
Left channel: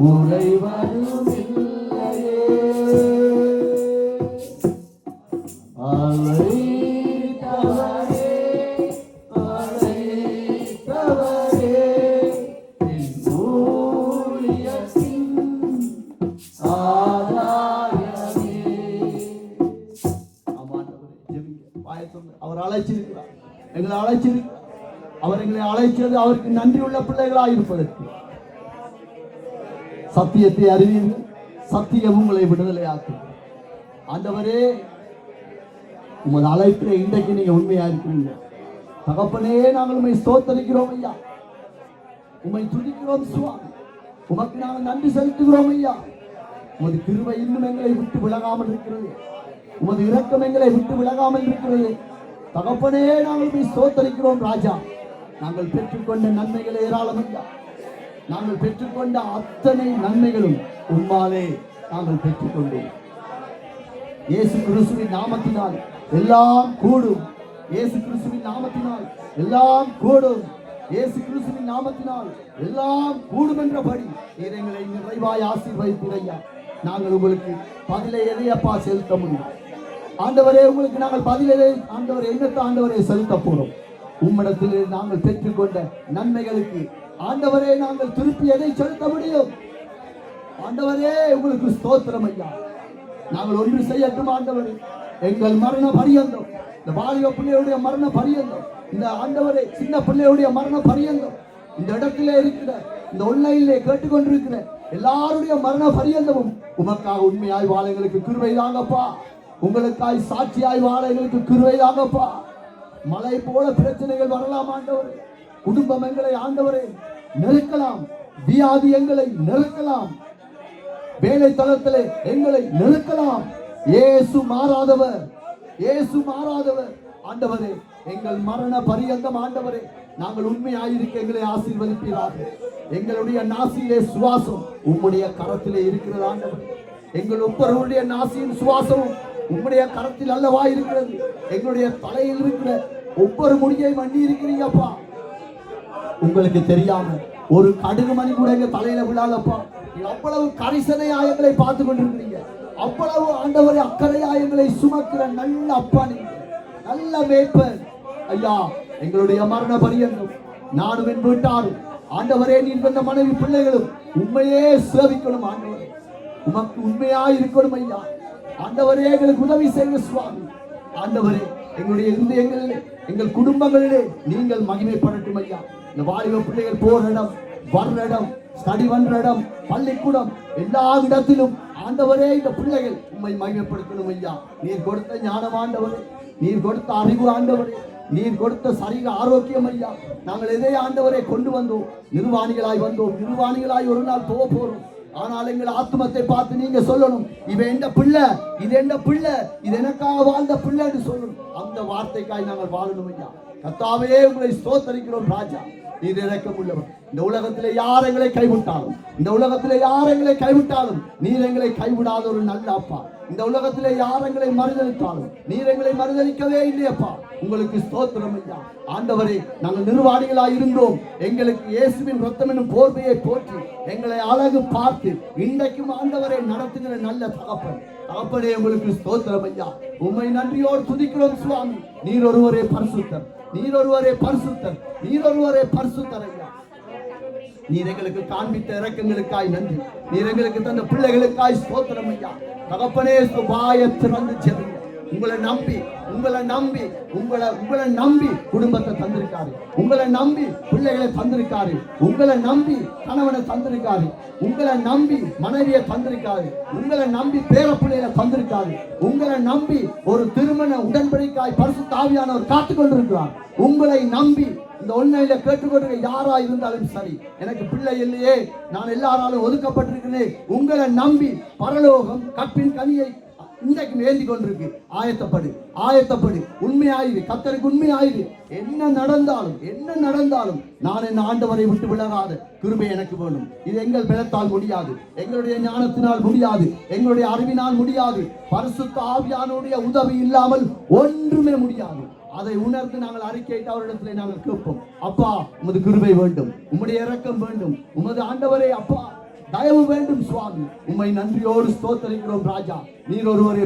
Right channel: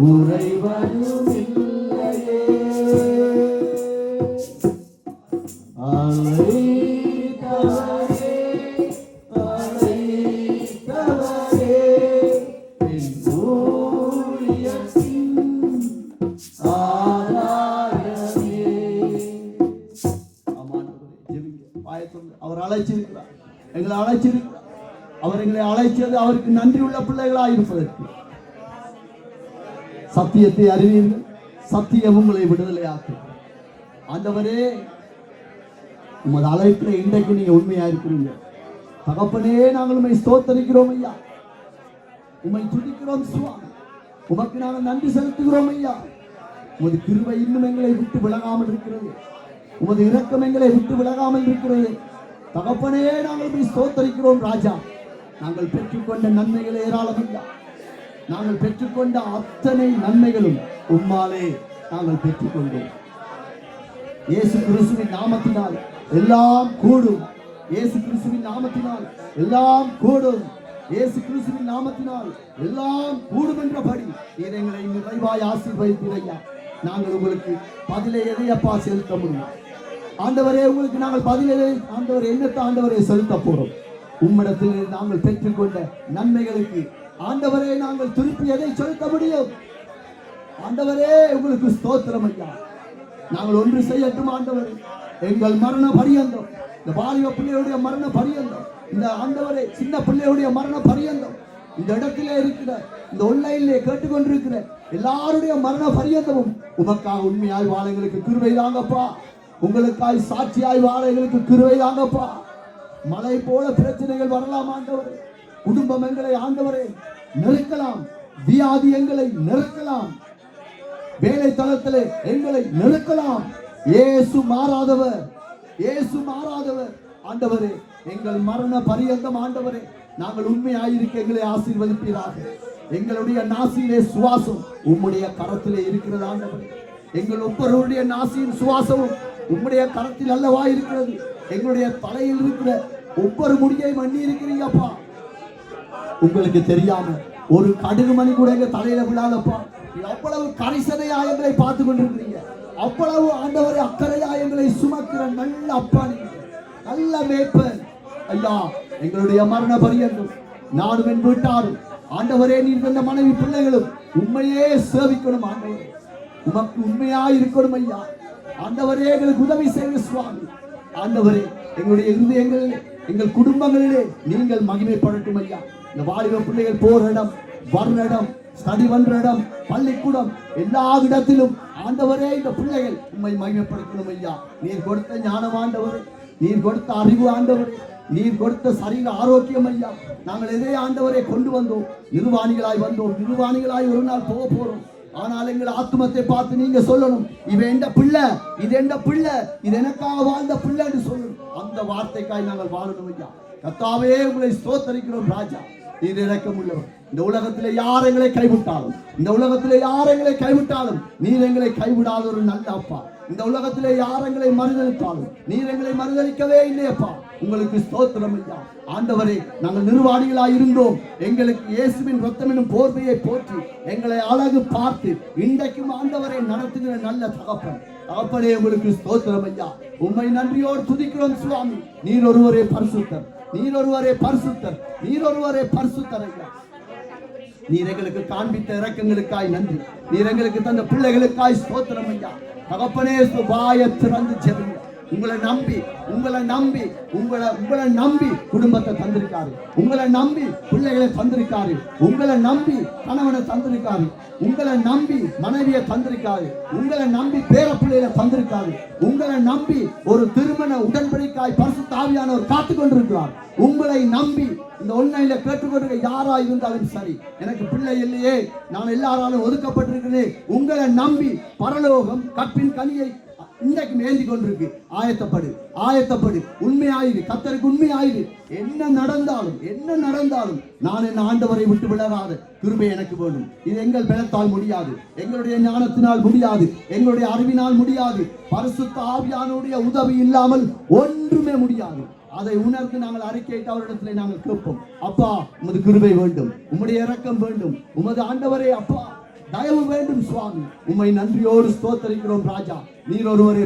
குறைவதுமில்லையே. அழைத்தவரே, அழைத்தவரே, என் ஊழியத்தின் ஆதாரமே. ஆமாண்டவரே, ஜெபிங்க, வாயை திறந்து. அவர் அழைச்சிருக்கிறார், எங்களை அழைச்சிருக்கிறார். அவர் எங்களை அழைச்சது அவருக்கு நன்றி உள்ள பிள்ளைகளாக இருப்பதற்கு. சத்தியத்தை அறிவீர்கள், சத்தியம் உங்களை விடுதலையாக்கும். ஆண்டவரே, உங்கள் அழைப்பில் இன்றைக்கு நீங்க உண்மையா இருக்கிறீங்க. தகப்பனே, நாங்கள் உண்மை ஸ்தோத்தரிக்கிறோம் ஐயா, உண்மை துதிக்கிறோம் சுவாமி. உமக்கு நாங்கள் நன்றி செலுத்துகிறோம் ஐயா. உமது கிருபை இன்னும் எங்களை விட்டு விலகாமல் இருக்கிறது. உமது இரக்கம் எங்களை விட்டு விலகாமல் இருக்கிறது. தகப்பனே, நாங்கள் உண்மை ஸ்தோத்தரிக்கிறோம் ராஜா. நாங்கள் பெற்றுக்கொண்ட நன்மைகளை ஏராளம் ஐயா. நாங்கள் பெற்றுக்கொண்ட அத்தனை நன்மைகளும் உம்மாலே நாங்கள் பெற்றுக்கொண்டோம். இயேசு கிறிஸ்துவின் நாமத்தினால் எல்லாம் கூடும். இயேசு கிறிஸ்துவின் நாமத்தினால் எல்லாம் கூடும். இயேசு கிறிஸ்துவின் நாமத்தினால் எல்லாம் கூடும் என்றபடி நீர் எங்களை நிறைவாய் ஆசீர்வதித்தீரையா. நாங்கள் உங்களுக்கு பதிலை எதையப்பா செலுத்த முடியும்? ஆண்டவரே, உங்களுக்கு நாங்கள் பதிலை ஆண்டவரை என்னத்தை ஆண்டவரை செலுத்த போறோம்? உம்மிடத்திலே நாங்கள் பெற்றுக்கொண்ட நன்மைகளுக்கு ஆண்டவரே நாங்கள் திருப்பி எதை செலுத்த முடியும்? ஆண்டவரே, உங்களுக்கு ஸ்தோத்திரம் ஐயா. நாங்கள் ஒன்று செய்யட்டும் ஆண்டவரே. எங்கள் மரண பரியந்தம், இந்த வாலிப பிள்ளையுடைய மரண பரியந்தம், இந்த ஆண்டவரே சின்ன பிள்ளையுடைய மரண பரியந்தம், இந்த இடத்திலே இருக்கிற இந்த ஒன்லைனிலே கேட்டுக்கொண்டிருக்கிற எல்லாருடைய மரண பரியந்தமும் உமக்காக உண்மையாய் வாழ எங்களுக்கு கிருபை தாங்கப்பா. உங்களுக்காய் சாட்சியாய் வாழ எங்களுக்கு கிருபை தாங்கப்பா. மழை போல பிரச்சனைகள் வரலாம் ஆண்டவரே. குடும்பம் எங்களை ஆண்டவரே நெருக்கலாம். வியாதி எங்களை நெருக்கலாம். வேலை தளத்திலே எங்களை நெருக்கலாம். இயேசு மாறாதவர், இயேசு மாறாதவர். ஆண்டவரே, எங்கள் மரண பரியந்தம் ஆண்டவரே நாங்கள் உண்மையாயிருக்க எங்களை ஆசீர்வதிப்பீராக. எங்களுடைய நாசியிலே சுவாசம் உம்முடைய கரத்திலே இருக்கிறது ஆண்டவரே. எங்கள் ஒவ்வொருவருடைய நாசியின் சுவாசமும் உம்முடைய கரத்தில் அல்லவா இருக்கிறது. எங்களுடைய தலையில் இருக்கிற ஒவ்வொரு முடியையும் அண்ணி இருக்கிறீங்கப்பா. உங்களுக்கு தெரியாம ஒரு கடுகு மணி கூட எங்க தலையில விழாதப்பா. அவ்வளவு கரிசனையா எங்களை பார்த்து கொண்டிருக்கிறீங்க. அவ்வளவு ஆண்டவரை அக்கறையா எங்களை சுமக்கிற நல்ல அப்பா, நீங்க நல்ல மேய்ப்பன் ஐயா. எங்களுடைய மரண பரியந்தம் நானும் என்று விட்டாலும் ஆண்டவரே, நீர் தந்த மனைவி பிள்ளைகளும் உண்மையே சேவிக்கணும் ஆண்டவரே. உமக்கு உண்மையா இருக்கணும் ஐயா. ஆண்டவரே, எங்களுக்கு உதவி செய்ய சுவாமி. ஆண்டவரே, எங்களுடைய இருதயங்களிலே எங்கள் குடும்பங்களிலே நீங்கள் மகிமைப்படட்டும் ஐயா. இந்த வாலிப பிள்ளைகள் போற இடம், வர்ற இடம், ஸ்டடி பண்ற இடம், பள்ளிக்கூடம், எல்லா இடத்திலும் ஆண்டவரே இந்த பிள்ளைகள் உண்மை மகிமைப்படுத்தணும் ஐயா. நீர் கொடுத்த ஞானம் ஆண்டவரே, நீர் கொடுத்த அறிவு ஆண்டவரே, நீர் கொடுத்த சரீர ஆரோக்கியம் ஐயா. நாங்கள் எதை ஆண்டவரை கொண்டு வந்தோம்? நிர்வாணிகளாய் வந்தோம். நிர்வாணிகளாய் ஒரு நாள் போக போறோம். ஆனால் எங்கள் ஆத்மத்தை பார்த்து நீங்க சொல்லணும், இவன் எந்த பிள்ளை, இது எந்த பிள்ளை, இது எனக்காக வாழ்ந்த பிள்ளை என்று சொல்லணும். அந்த வார்த்தைக்காய் நாங்கள் வாழணும் ஐயா. கர்த்தாவே, உங்களை ஸ்தோத்தரிக்கிறோம் ராஜா. நீர் இரக்கம் உள்ளவர். இந்த உலகத்திலே யார் எங்களை கைவிட்டாலும், இந்த உலகத்திலே யார் எங்களை கைவிட்டாலும் நீர் எங்களை கைவிடாத ஒரு நல்ல அப்பா. இந்த உலகத்திலே யார் எங்களை மறுதளித்தாலும் நீர் எங்களை மறுதளிக்கவே இல்லையப்பா. உங்களுக்கு ஸ்தோத்திரம் ஐயா. ஆண்டவரே, நாங்கள் நிர்வாணிகளாய் இருந்தோம். எங்களுக்கு இயேசுவின் ரத்தம் என்னும் போர்வையை போற்றி எங்களை அழகு பார்த்து இன்றைக்கும் ஆண்டவரை நடத்துகிற நல்ல தகப்பன். தகப்பனே, உங்களுக்கு ஸ்தோத்திரம் ஐயா. உம்மை நன்றியோடு துதிக்கிறோம் சுவாமி. நீர் ஒருவரே பரிசுத்தர், நீர் ஒருவரே பரிசுத்தர், நீர் ஒருவரே பரிசுத்தர் ஐயா. நீர் எங்களுக்கு காண்பித்த இரக்கங்களுக்காய் நன்றி. நீர் எங்களுக்கு தந்த பிள்ளைகளுக்காய் ஸ்தோத்திரம் ஐயா. தகப்பனே, வாயை திறந்து ஜெபிங்க. உங்களை நம்பி உங்களை நம்பி குடும்பத்தை தந்திருக்காரு, உங்களை நம்பி பிள்ளைகளை தந்திருக்காரு, உங்களை நம்பி கணவனை தந்திருக்காரு, உங்களை நம்பி மனைவியை தந்திருக்காரு, உங்களை நம்பி பேர பிள்ளைகளை தந்திருக்காரு, உங்களை நம்பி ஒரு திருமண உடன்படிக்கையாய் பரிசுத்த ஆவியானவர் காத்துக் கொண்டிருக்கிறார். உங்களை நம்பி இந்த ஒன்லைன்ல கேட்டுக்கொண்டிருக்க யாரா இருந்தாலும் சரி, எனக்கு பிள்ளை இல்லையே, நான் எல்லாராலும் ஒதுக்கப்பட்டிருக்கிறேன், உங்களை நம்பி பரலோகம் கற்பின் கனியை இன்றைக்கு ஏந்தி கொண்டிருக்கு. ஆயத்தப்படு, உண்மையாயிரு, கர்த்தருக்கு உண்மையாயிரு. என்ன நடந்தாலும் நான் என் ஆண்டவரை விட்டு விலகாத கிருபை எனக்கு வேண்டும். இது எங்கள் பலத்தால் முடியாது, எங்களுடைய ஞானத்தினால் முடியாது, எங்களுடைய அறிவினால் முடியாது, பரிசுத்த ஆவியானுடைய உதவி இல்லாமல் ஒன்றுமே முடியாது. அதை உணர்ந்து நாங்கள் அறிக்கையிட்டு அவரிடத்தில் நாங்கள் கேட்போம். அப்பா, உமது கிருபை வேண்டும், உம்முடைய இரக்கம் வேண்டும், உமது ஆண்டவரே அப்பா தயவு வேண்டும் சுவாமி. உம்மை நன்றியோடு ஸ்தோத்திரிக்கிறோம் ராஜா. நீர் ஒருவரே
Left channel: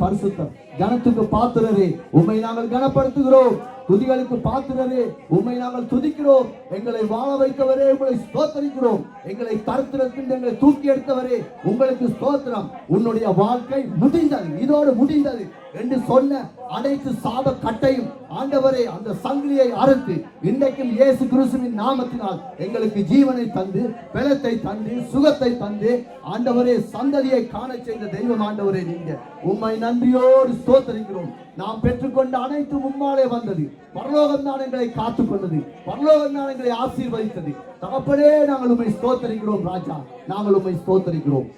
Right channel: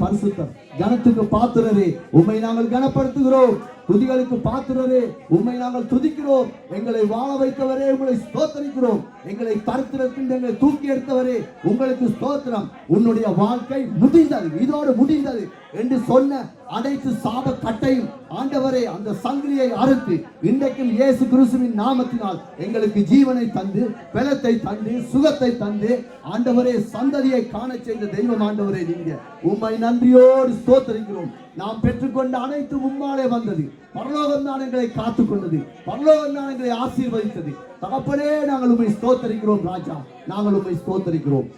பரிசுத்தர். கனத்துக்கு பாத்திரரே, உம்மை நாங்கள் கனப்படுத்துகிறோம். துதிகளுக்கு பாத்திரரே, உம்மை நாங்கள் துதிக்கிறோம். எங்களை வாழ வைத்தவரே, உங்களை ஸ்தோத்திரிக்கிறோம். எங்களை கருத்திரத்தில் எங்களை தூக்கி எடுத்தவரே, உங்களுக்கு ஸ்தோத்திரம். உன்னுடைய வாழ்க்கை முடிந்தது, இதோடு முடிந்தது என்று சொன்ன அனைத்து சாப கட்டையும் ஆண்டவரே அந்த சங்கிலியை அறுத்து இன்றைக்கும் இயேசு கிறிஸ்துவின் நாமத்தினால் எங்களுக்கு ஜீவனை தந்து, பலத்தை தந்து, சுகத்தை தந்து ஆண்டவரே சந்ததியை காண செய்த தெய்வம் ஆண்டவரே நீங்க. உம்மை நன்றியோடு ஸ்தோத்திரிக்கிறோம். நாம் பெற்றுக்கொண்ட அனைத்து மும்மாலே வந்தது. பரலோகம் தான் எங்களை காத்துக் கொண்டது, பரலோகம் தான் எங்களை ஆசீர்வதித்தது. தகப்பனே, நாங்கள் உம்மை ஸ்தோத்திரிக்கிறோம் ராஜா. நாங்கள் உம்மை ஸ்தோத்திரிக்கிறோம்.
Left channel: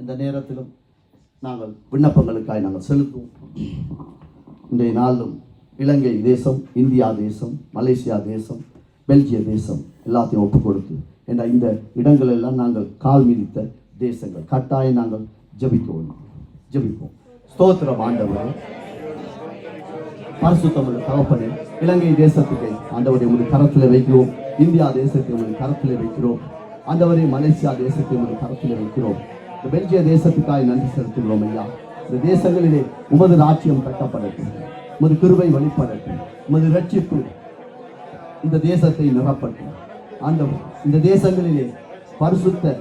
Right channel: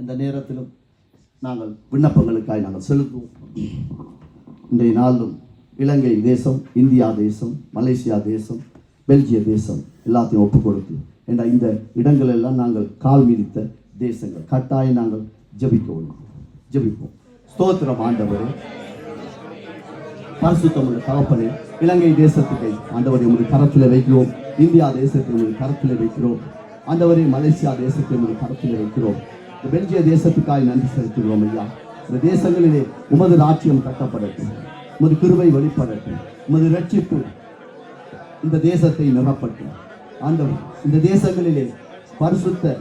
இந்த நேரத்திலும் நாங்கள் விண்ணப்பங்களுக்காய் நாங்கள் செலுத்துவோம். இன்றைய நாளிலும் இலங்கை தேசம், இந்தியா தேசம், மலேசியா தேசம், பெல்ஜிய தேசம் எல்லாத்தையும் ஒப்புக் கொடுத்து என்ற இந்த இடங்கள் எல்லாம் நாங்கள் கால் மிதித்த தேசங்கள். கட்டாயம் நாங்கள் ஜெபிப்போம். ஸ்தோத்திரம் ஆண்டவரே, பரிசுத்தமுள்ள தகப்பனே, இலங்கை தேசத்துக்கு ஆண்டவரை உங்களுடைய கரத்தில் வைக்கிறோம். இந்தியா தேசத்தை உங்களுடைய கரத்தில் வைக்கிறோம் ஆண்டவரே. மலேசியா தேசத்தை உங்களுடைய கரத்தில் வைக்கிறோம். பெல்ஜிய தேசத்துக்காய் நன்றி செலுத்துகிறோம் ஐயா. இந்த தேசங்களிலே உமது ராஜ்யம் கட்டப்படட்டும், உமது கிருபை வெளிப்படட்டும், உமது ரட்சிப்பு இந்த தேசத்தை நிரப்பட்டும் ஆண்டவர். இந்த தேசங்களிலே பரிசுத்த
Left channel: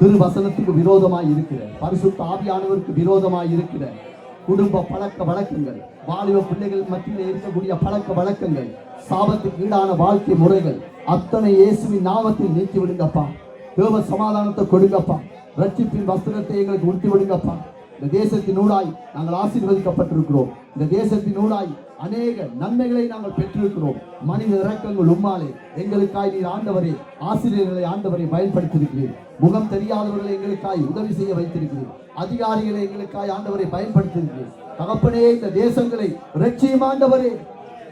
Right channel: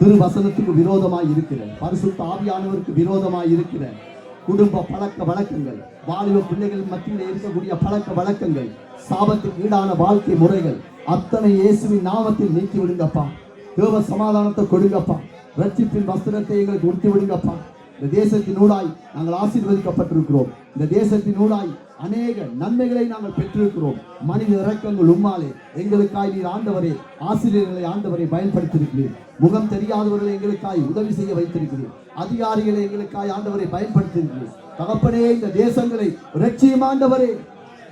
திருவசனத்துக்கு விரோதமாய் இருக்கிற, பரிசுத்த ஆவியானவருக்கு விரோதமாய் இருக்கிற குடும்ப பழக்க வழக்கங்கள், வாலிப பிள்ளைகள் மத்தியில் இருக்கக்கூடிய பழக்க வழக்கங்கள், சாபத்துக்கு ஈடான வாழ்க்கை முறைகள் அத்தனை இயேசுவின் நாமத்தில் நீக்கி விடுங்கப்பா. தேவ சமாதானத்தை கொடுங்கப்பா. ரட்சிப்பின் வஸ்திரத்தை எங்களுக்கு உடுத்தி விடுங்கப்பா. இந்த தேசத்தினூடாய் நாங்கள் ஆசீர்வதிக்கப்பட்டிருக்கிறோம். இந்த தேசத்தினூடாய் அநேக நன்மைகளை நாங்கள் பெற்றிருக்கிறோம். மனித இரக்கங்கள் உம்மாலே எங்களுக்காய் நீர் ஆண்டவரே ஆசிரியர்களை ஆண்டவரை பயன்படுத்தியிருக்கிறீர். முகம் தெரியாதவர்களை எங்களுக்காய் உதவி செய்ய வைத்திருக்கிறீர். அதிகாரிகளை எங்களுக்காய் ஆண்டவரை பயன்படுத்தியிருக்கிறீர். தகப்பனே, இந்த தேசங்களை இரட்சியும் ஆண்டவரே.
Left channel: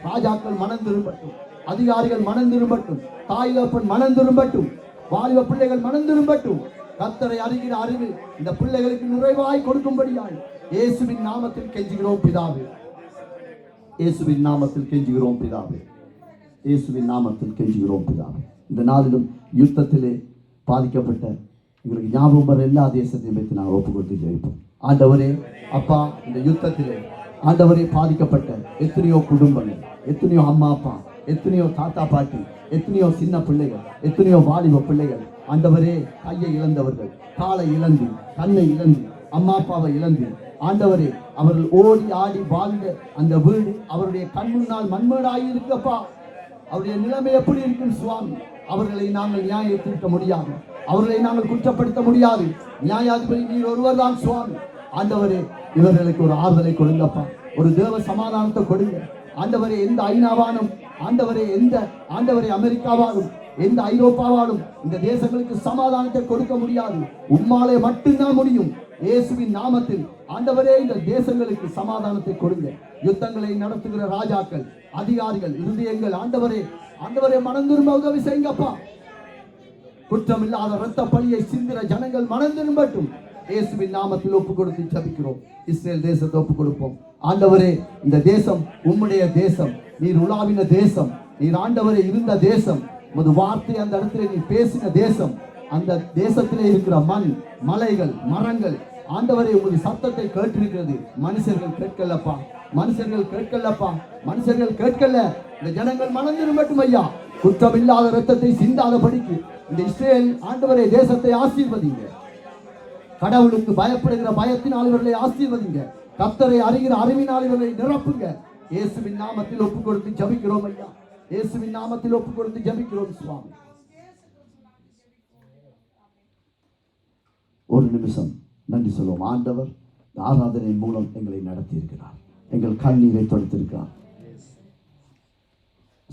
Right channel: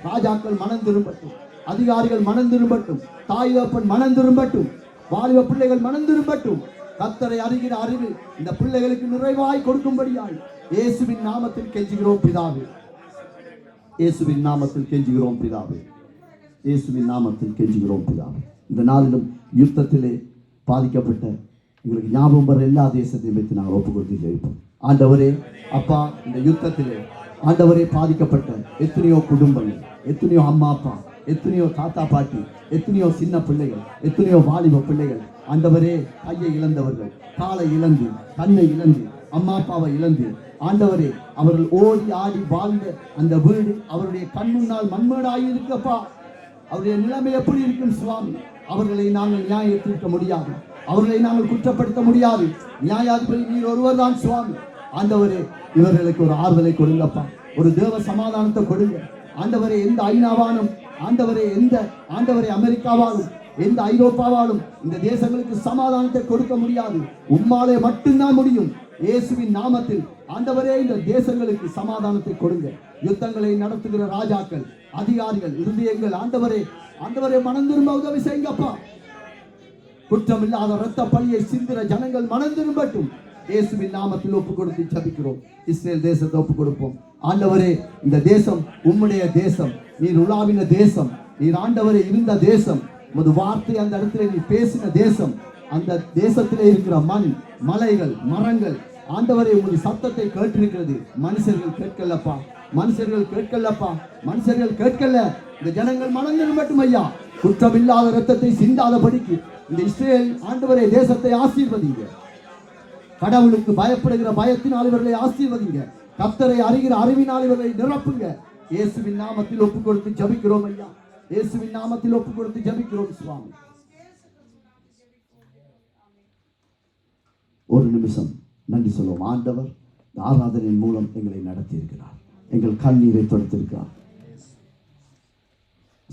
ராஜாக்கள் மனம் திரும்பட்டும், அதிகாரிகள் மனம் திரும்பட்டும், தாய் தகப்பன் மனம் திரும்பட்டும், வாலிப பிள்ளைகள் மனம் திரும்பட்டும். கர்த்தரை அறிகிற அறிவு இந்த பிள்ளைகளுக்கு நிறைவாய் கொடுக்கும்படியாய் இயேசுவின் நாமத்தில் கெஞ்சுகிறோம் பிதாவே. இந்த நாளிலும் யுத்தத்திலே பாதிக்கப்பட்ட எங்களுக்கு ஞாபகம் வர எல்லா தேசத்தையும் வைத்து நான் ஒப்பு கொடுத்து ஜெயிப்போம். ஆண்டவரே அப்பா, இந்த யுத்தத்திலே ஆண்டவரே பாதிக்கப்பட்ட எத்தனையோ குடும்பங்கள், எத்தனையோ அம்மா அப்பா, எத்தனையோ தாத்தா பாட்டி, எத்தனையோ சின்ன பிள்ளைகள், எத்தனையோ வாலிப பிள்ளைகள் ஆண்டவரே கையை இழந்தவர்கள், காலை இழந்து, கண்ணை இழந்து, அம்மா அப்பாவை இழந்து ஆண்டவரே அவர்கள் ஓடி ஆடி வாழ்ந்த அந்த வீடு அவருடைய கண் முன்னால் மண்மேடாகி இருக்கப்பா. அவருடைய நிலைமை எப்படி இருக்கும் சுவாமி? அவர்களை நாங்கள் நியாயப்படுத்த முடியாது, அவர்களை நாங்கள் குற்றப்படுத்த முடியாது. நியாயாதிபதி நீர் ஒருவர் தான் சுவாமி. ஆண்டவரே, இவர்களுக்கு ஒரு ஆறுதலை கொடுங்கப்பா, ஒரு தேவ சமாதானத்தை கொடுங்க ஆண்டவரே. எந்த ஐநாவாலும் ஆண்டவரே, எந்த ஆண்டவரே அமெரிக்காவாலும் எந்த ஐரோப்பாவாலும் இந்த தேசங்களுக்கு சமாதானத்தை கொடுக்க முடியாது. உம்மாலே மட்டும்தான் முடியும். இயேசுவின் நாமத்தில் ஆண்டவரே இந்த தேசங்களுக்கு சமாதானத்தை கொடுங்க. யுத்தங்களை நடத்துகிற ராஜாக்கள், அதிகாரிகள், இருதயங்கள் ஆண்டவரே மனம் திரும்ப உதவி செய்யுங்கப்பா. குற்றமில்லாத இரத்த பழியை சிந்திர ஜனங்கள் மனம் திரும்பட்டும். இயேசுவின் நாமத்தில் ஒப்பு கொடுத்து ஜெபிக்கிறோம். இஸ்ரேல் தேசத்தை ஒப்பு கொடுப்போம். ஆண்டவரே, இந்த தேசம் உம்முடைய தேசம், நீர் உலாவின தேசம், நீர் ஆண்டவரே இருந்த தேசம், உமது வார்த்தை அந்த இடத்துல நீ பேசின தேசம், அந்த தேசத்திலே இருக்கிற மண், மலைகள், மரங்கள் ஆண்டவரே உமது சத்தத்தை கேட்டிருக்கிறது. மனுஷர்கள் கேட்கலப்பா, மனுஷர்கள் கேட்கல. இந்த ஜனங்கள் மனம் திரும்பட்டும் ஐயா. குற்றமில்லாத இரத்தத்தை சிந்தாதபடிக்கு இந்த இஸ்ரேல் ஆண்டவரே தேசத்தை ஆசீர்வதிங்க. கடவுளுக்கு பயப்படுகிற பயத்தினால் இவர்களை ஆசீர்வதிங்க. கர்த்தரை அறிகிற அறிவினால் இவர்களை நிரப்புங்க. இயேசுவின் நாமத்தில் ஒப்புக் கொடுத்து ஜெபிக்கிறோம் ஐயா. இயேசுவின் நாமத்தில் ஒப்புக் கொடுத்து ஜெபிக்கிறோம் சுவாமி. ஒரு நிமிஷம் நன்றி சொல்லுவோம். ஆண்டவர் ஆராதனையின் மூலம் எங்களை நடத்தி இருக்கிறார். எங்கள் கண்ணீரை தொடுத்திருக்கிறார்.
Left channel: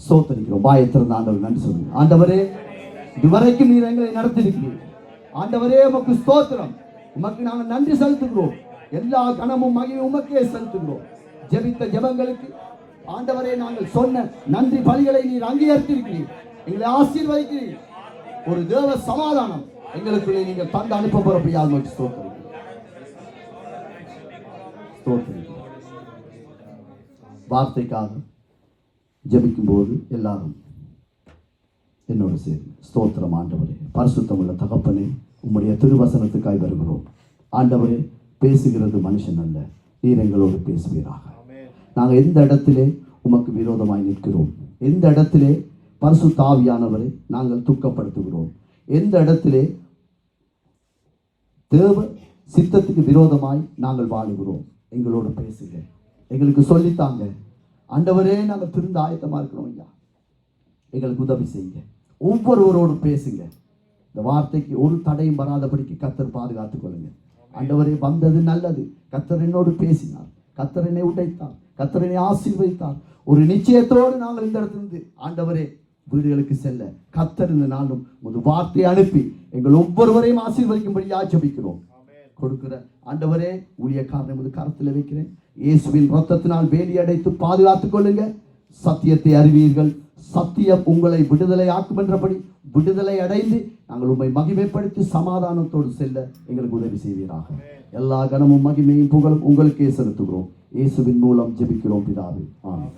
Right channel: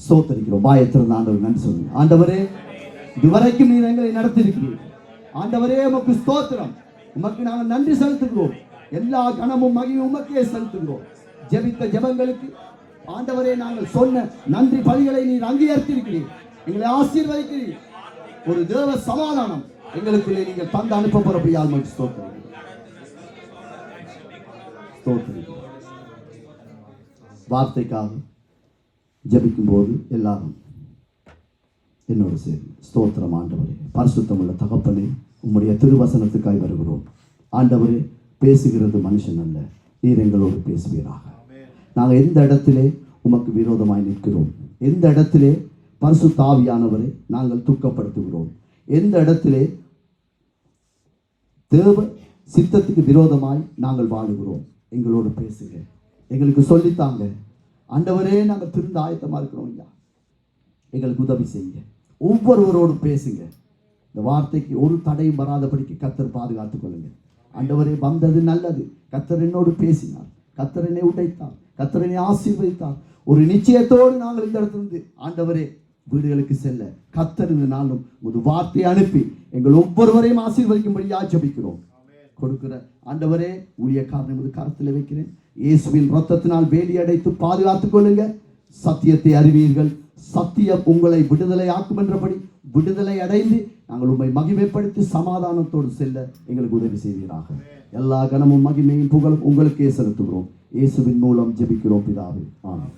ஸ்தோத்திரிக்கிறோம். வாயத்திலிருந்து ஆண்டவர் நன்றி சொல்லுங்க. ஆண்டவரே, இதுவரைக்கும் நீர் எங்களை நடத்தியிருக்கிறீர். ஆண்டவரே, உமக்கு ஸ்தோத்திரம். உமக்கு நாங்கள் நன்றி செலுத்துகிறோம். எல்லா கனமும் மகிழும் உமக்கே செலுத்துகிறோம். ஜெபித்த ஜெபங்களுக்கு ஆண்டவரே, நாங்கள் சொன்ன நன்றி பலிகளை நீர் அங்கீகரித்திருக்கிறீர். எங்களை ஆசீர்வதிக்கிறீர். ஒரு தேவ சமாதானம் எங்களுக்குள்ளே நீங்கள் தந்து அனுப்ப போறப்பையாக ஸ்தோத்திரம். வார்த்தைக்காக ஜெபிக்கும் போது எல்லாரும் என்னோடு சேர்ந்து ஸ்தோத்திரம். ஆண்டவரே, பரிசுத்தமுள்ள தகப்பனே, உம்முடைய திருவசனத்துக்காய் வருகிறோம். ஆண்டவரே, பேசுகிறது மனுஷன் அல்ல, நீர் எங்களோடு பேசுவீராக. நாங்கள் எந்த இடத்திலே உமக்கு விரோதமாய் நிற்கிறோம், எந்த இடத்திலே பரிசுத்த ஆவியானவரை நாங்கள் துக்கப்படுத்துகிறோம், எந்த இடத்திலே தேவ சித்தத்துக்கு விரோதமாய் நாங்கள் வாழுகிறோம், எங்களோடு பேசுங்க, எங்களுக்கு சொல்லித்தாங்க. ஆண்டவரே, நாங்கள் திருந்த ஆயத்தமா இருக்கிறோம் ஐயா. எங்களுக்கு உதவி செய்யுங்க. ஒவ்வொருவரோடும் பேசுங்க. இந்த வார்த்தைக்கு ஒரு தடையும் வராதபடிக்கு கர்த்தர் பாதுகாத்துக் கொள்ளுங்க. ஆண்டவரே, வந்தது நல்லது. கர்த்தர் என்னோடு பேசினார், கர்த்தர் என்னை உடைத்தார், கர்த்தர் என்னை ஆசீர்வதித்தார். ஒரு நிச்சயத்தோடு நாங்கள் இந்த இடத்திலிருந்து ஆண்டவரே வீடுகளுக்கு செல்ல கர்த்தர் இந்த நாளும் ஒரு வார்த்தையை அனுப்பி எங்கள் ஒவ்வொருவரையும் ஆசீர்வதிக்கும்படியா ஜெபிக்கிறோம். கொடுக்கிற ஆண்டவரே, ஊழியக்காரனை ஒரு கரத்தில் வைக்கிறேன். இயேசுவின் இரத்தத்தினால் வேலி அடைத்து பாதுகாத்துக் கொள்ளுங்க. சத்தியத்தை அறிவீர்கள், சத்தியம் உங்களை விடுதலை ஆக்கும் என்றபடி விடுதலை அடைந்து நாங்கள் உண்மை மகிமைப்படுத்தி சமாதானத்தோடு செல்ல எங்களுக்கு உதவி செய்வீராக. எல்லா கனமும் மகிமையும் புகழும் உங்களுக்கே செலுத்துகிறோம். இயேசுவின் மூலம் ஜெபிக்கிறோம் பிதாவே. ஆமென்.